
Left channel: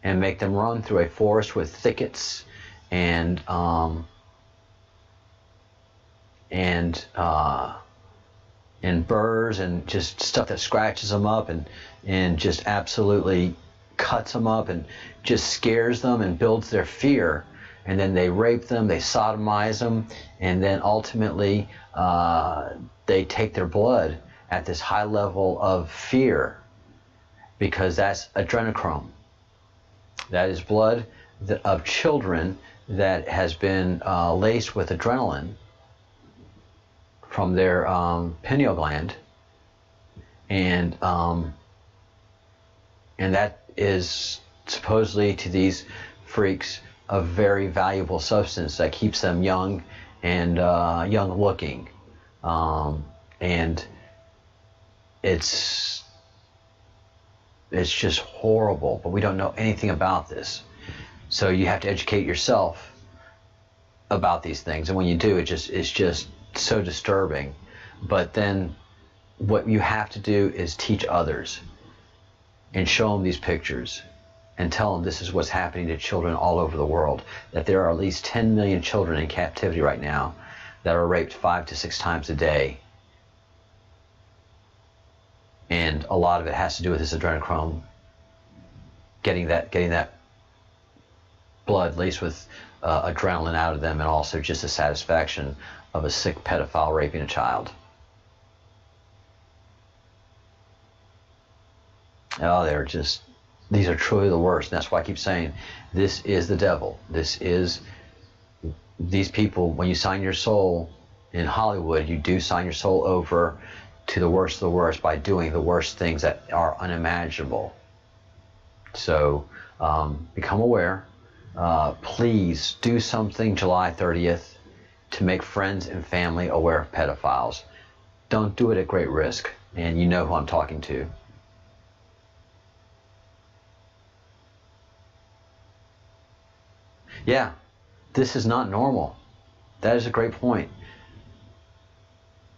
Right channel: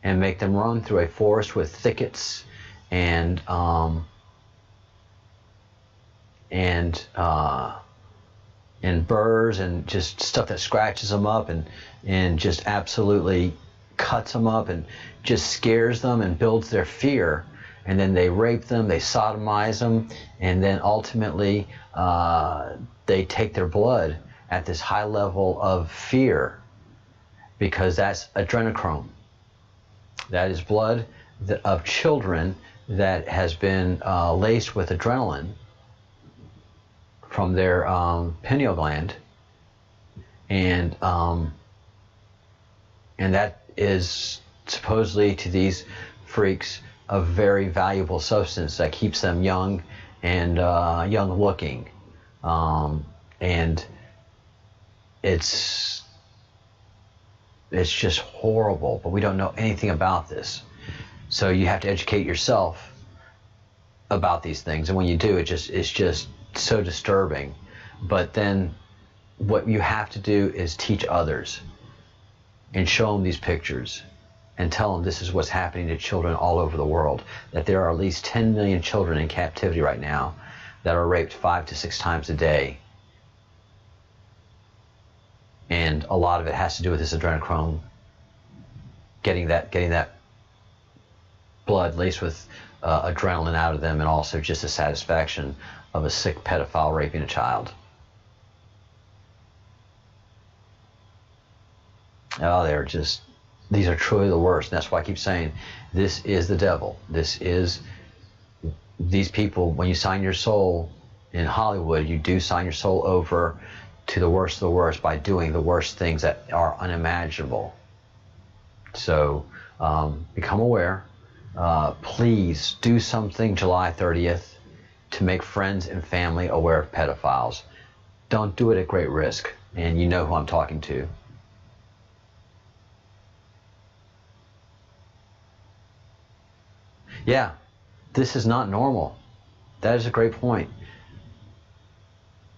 and make them run through a forest with thickets and burrs and just stuff that scratches them up and just absolutely cuts them up and just scares them and builds their fear. And then they rape them, they sodomize them, and then ultimately they take their blood at this high level of fear, because that's adrenochrome. That is blood of children that has been laced with adrenaline from their pineal gland, and that is supposedly to these freaks a very valuable substance that keeps them young and young looking, and it's just horrible, but we don't know anything about this. So you have to educate yourself about these things, and when you do, it's just so disturbing. But then what you have to do is teach others and show them these pictures and tell them this is what's happening to children all over the world, that there are at least 10 million children in captivity right now that are raped 5 to 6 times a day. And a lot of it has to do with this adrenochrome, getting that blood laced with adrenaline out of them, and also just the satisfaction of a sick pedophile raping a child. Oh, these are truly the worst. And that's why I keep saying, this is the devil. These people, when you sign your soul in Hollywood, you do sign your soul over to the worst of the worst by doing the worst things that are unimaginable. So become aware. Please do something July 30th to make friends and family aware of pedophiles. Don't do it at great risk. And you know who I'm talking to. Yeah, this is not normal. That is a great point.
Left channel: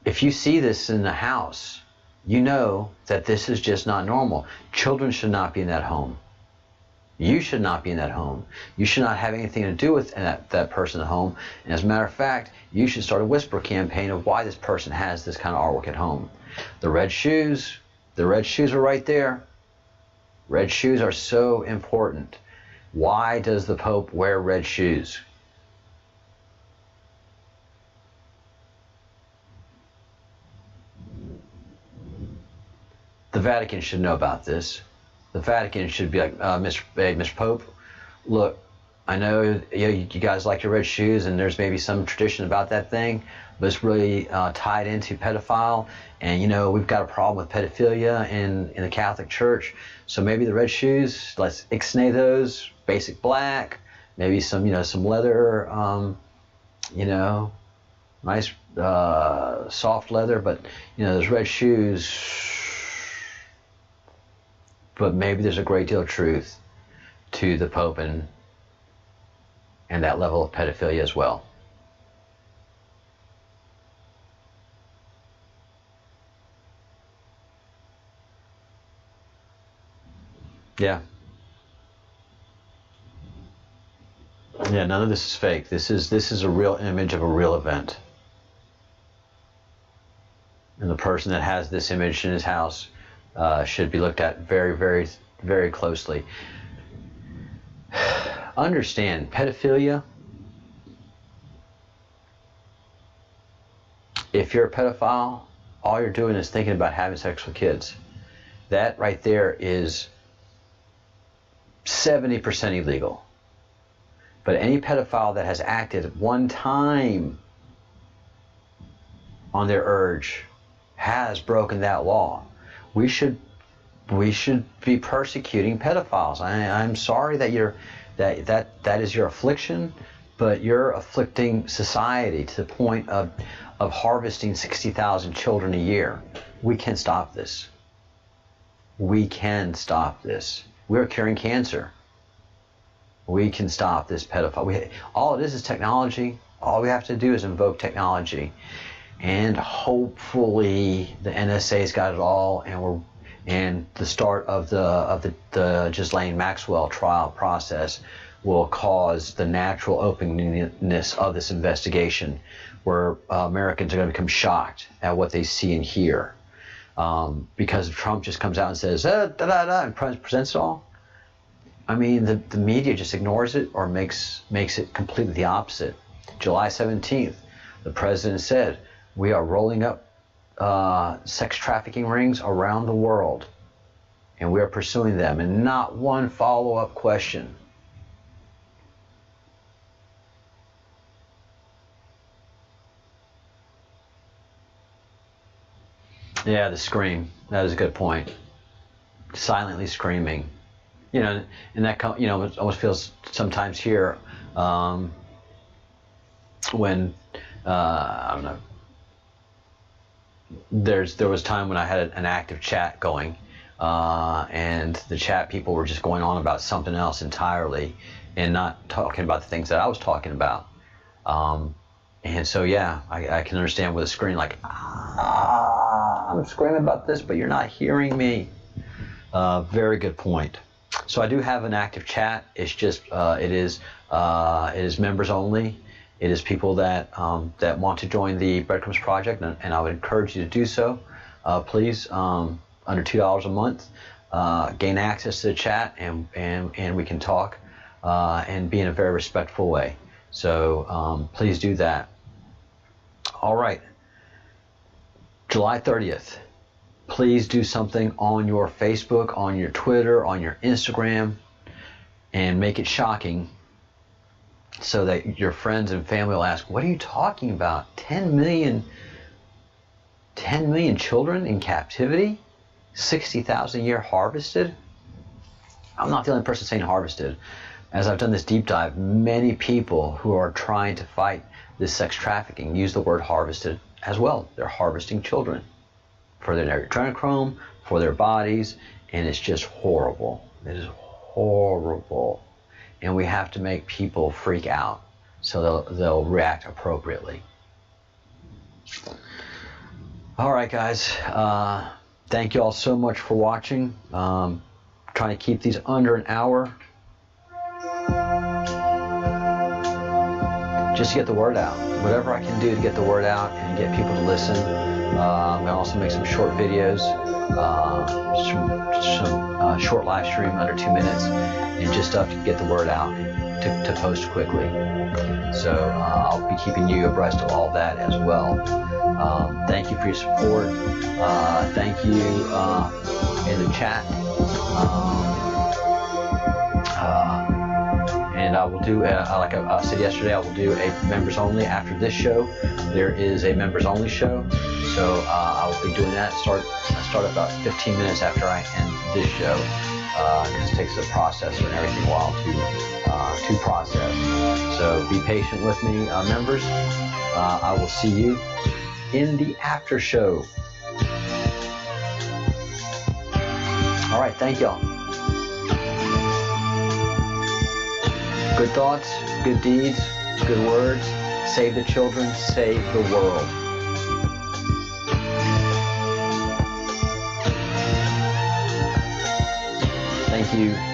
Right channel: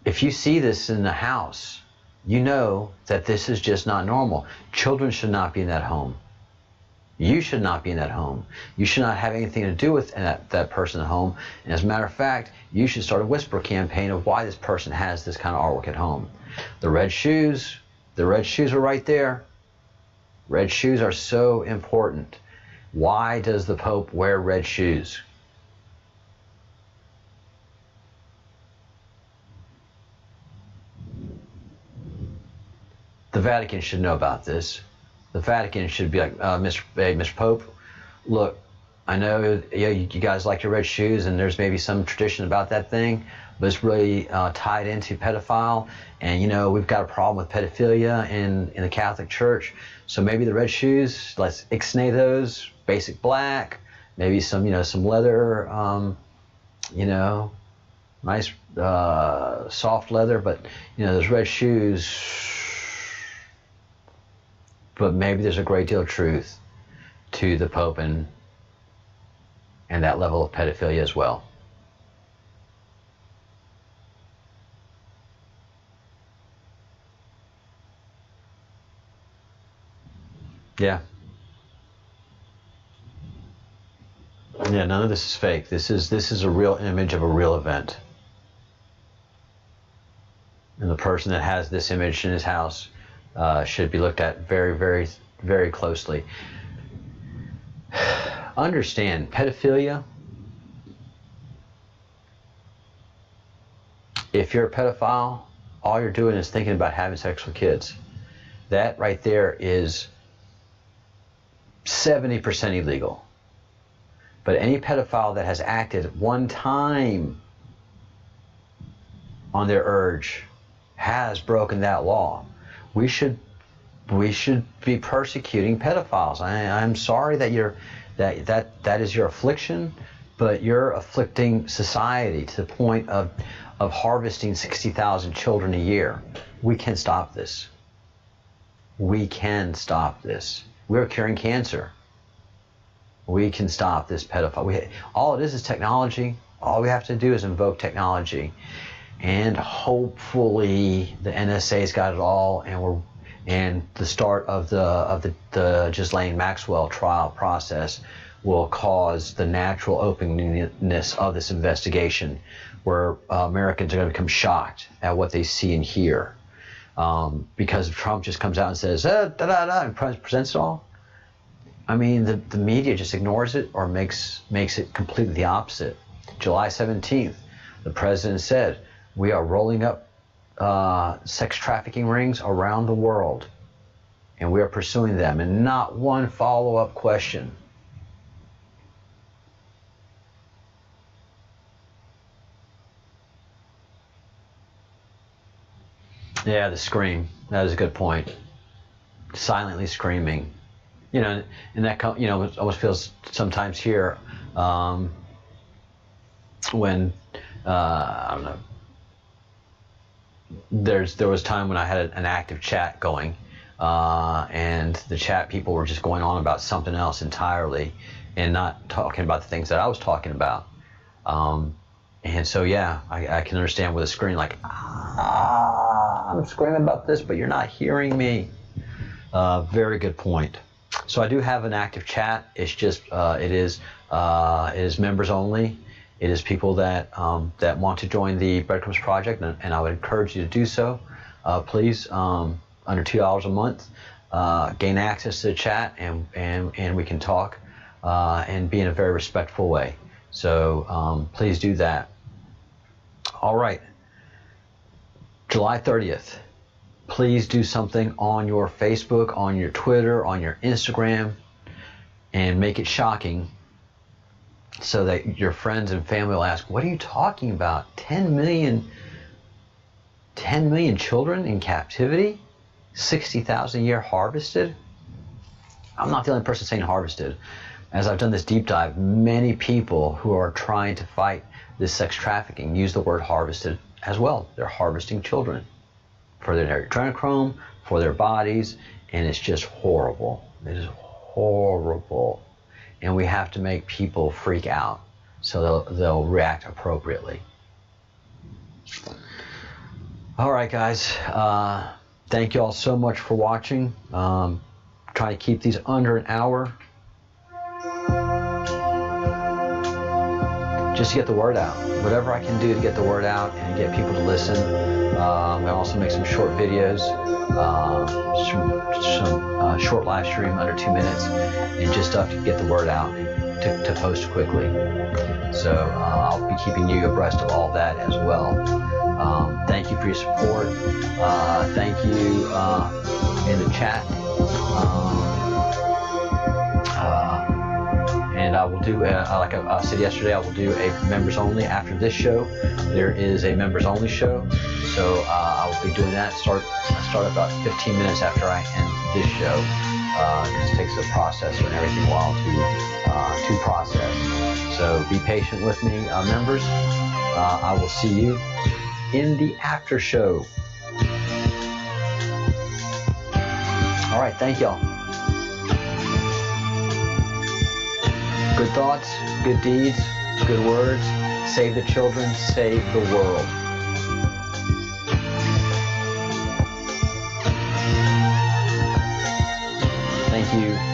If you see this in the house, you know that this is just not normal. Children should not be in that home. You should not be in that home. You should not have anything to do with that person at home. And as a matter of fact, you should start a whisper campaign of why this person has this kind of artwork at home. The red shoes are right there. Red shoes are so important. Why does the Pope wear red shoes? The Vatican should know about this. The Vatican should be like, Mr. Pope, look, I know you guys like your red shoes, and there's maybe some tradition about that thing, but it's really tied into pedophile. And we've got a problem with pedophilia in the Catholic Church. So maybe the red shoes, let's ixnay those, basic black, maybe some leather, nice soft leather, but those red shoes. But maybe there's a great deal of truth to the Pope and that level of pedophilia as well. Yeah. Yeah, none of this is fake. This is a real image of a real event. And the person that has this image in his house should be looked at very, very, very closely. Understand, pedophilia, if you're a pedophile, all you're doing is thinking about having sex with kids. That right there is 70% illegal. But any pedophile that has acted one time on their urge has broken that law. We should be persecuting pedophiles. I'm sorry that that is your affliction, but you're afflicting society to the point of harvesting 60,000 children a year. We can stop this. We can stop this. We're curing cancer. We can stop this pedophile. All it is technology. All we have to do is invoke technology. And hopefully the NSA's got it all, and the start of the Ghislaine Maxwell trial process will cause the natural openness of this investigation, where Americans are going to become shocked at what they see and hear, because Trump just comes out and says and presents it all. I mean, the media just ignores it or makes it completely the opposite. July 17th, the president said, we are rolling up sex trafficking rings around the world, and we are pursuing them, and not one follow-up question. Yeah, the scream. That is a good point. Silently screaming. And that it almost feels sometimes here when I don't know. There was time when I had an active chat going, and the chat people were just going on about something else entirely, and not talking about the things that I was talking about. And so yeah, I can understand with a screen like, I'm screaming about this, but you're not hearing me. Very good point. So I do have an active chat. It's just it is members only. It is people that want to join the Breadcrumbs project, and I would encourage you to do so. Please, under $2 a month, gain access to the chat, and we can talk and be in a very respectful way. So please do that. All right, July 30th. Please do something on your Facebook, on your Twitter, on your Instagram, and make it shocking so that your friends and family will ask, what are you talking about? 10 million children in captivity? 60,000 a year harvested? I'm not the only person saying harvested. As I've done this deep dive, many people who are trying to fight this sex trafficking use the word harvested as well. They're harvesting children for their adrenochrome, for their bodies, and it's just horrible. It is horrible. And we have to make people freak out so they'll react appropriately. All right, guys. Thank you all so much for watching. Trying to keep these under an hour. Just to get the word out. Whatever I can do to get the word out and get people to listen. I'm going to also make some short videos, some short live stream under 2 minutes, and just stuff to get the word out to post quickly. So I'll be keeping you abreast of all that as well. Thank you for your support. Thank you in the chat. And I will do, like I said yesterday, I will do a members only after this show. There is a members only show, so I will be doing that. Start about 15 minutes after I end this show, because it takes a processor and everything a while to process. So be patient with me, members. I will see you in the after show. All right, thank y'all. Good thoughts, good deeds, good words. Save the children, save the world. Thank you.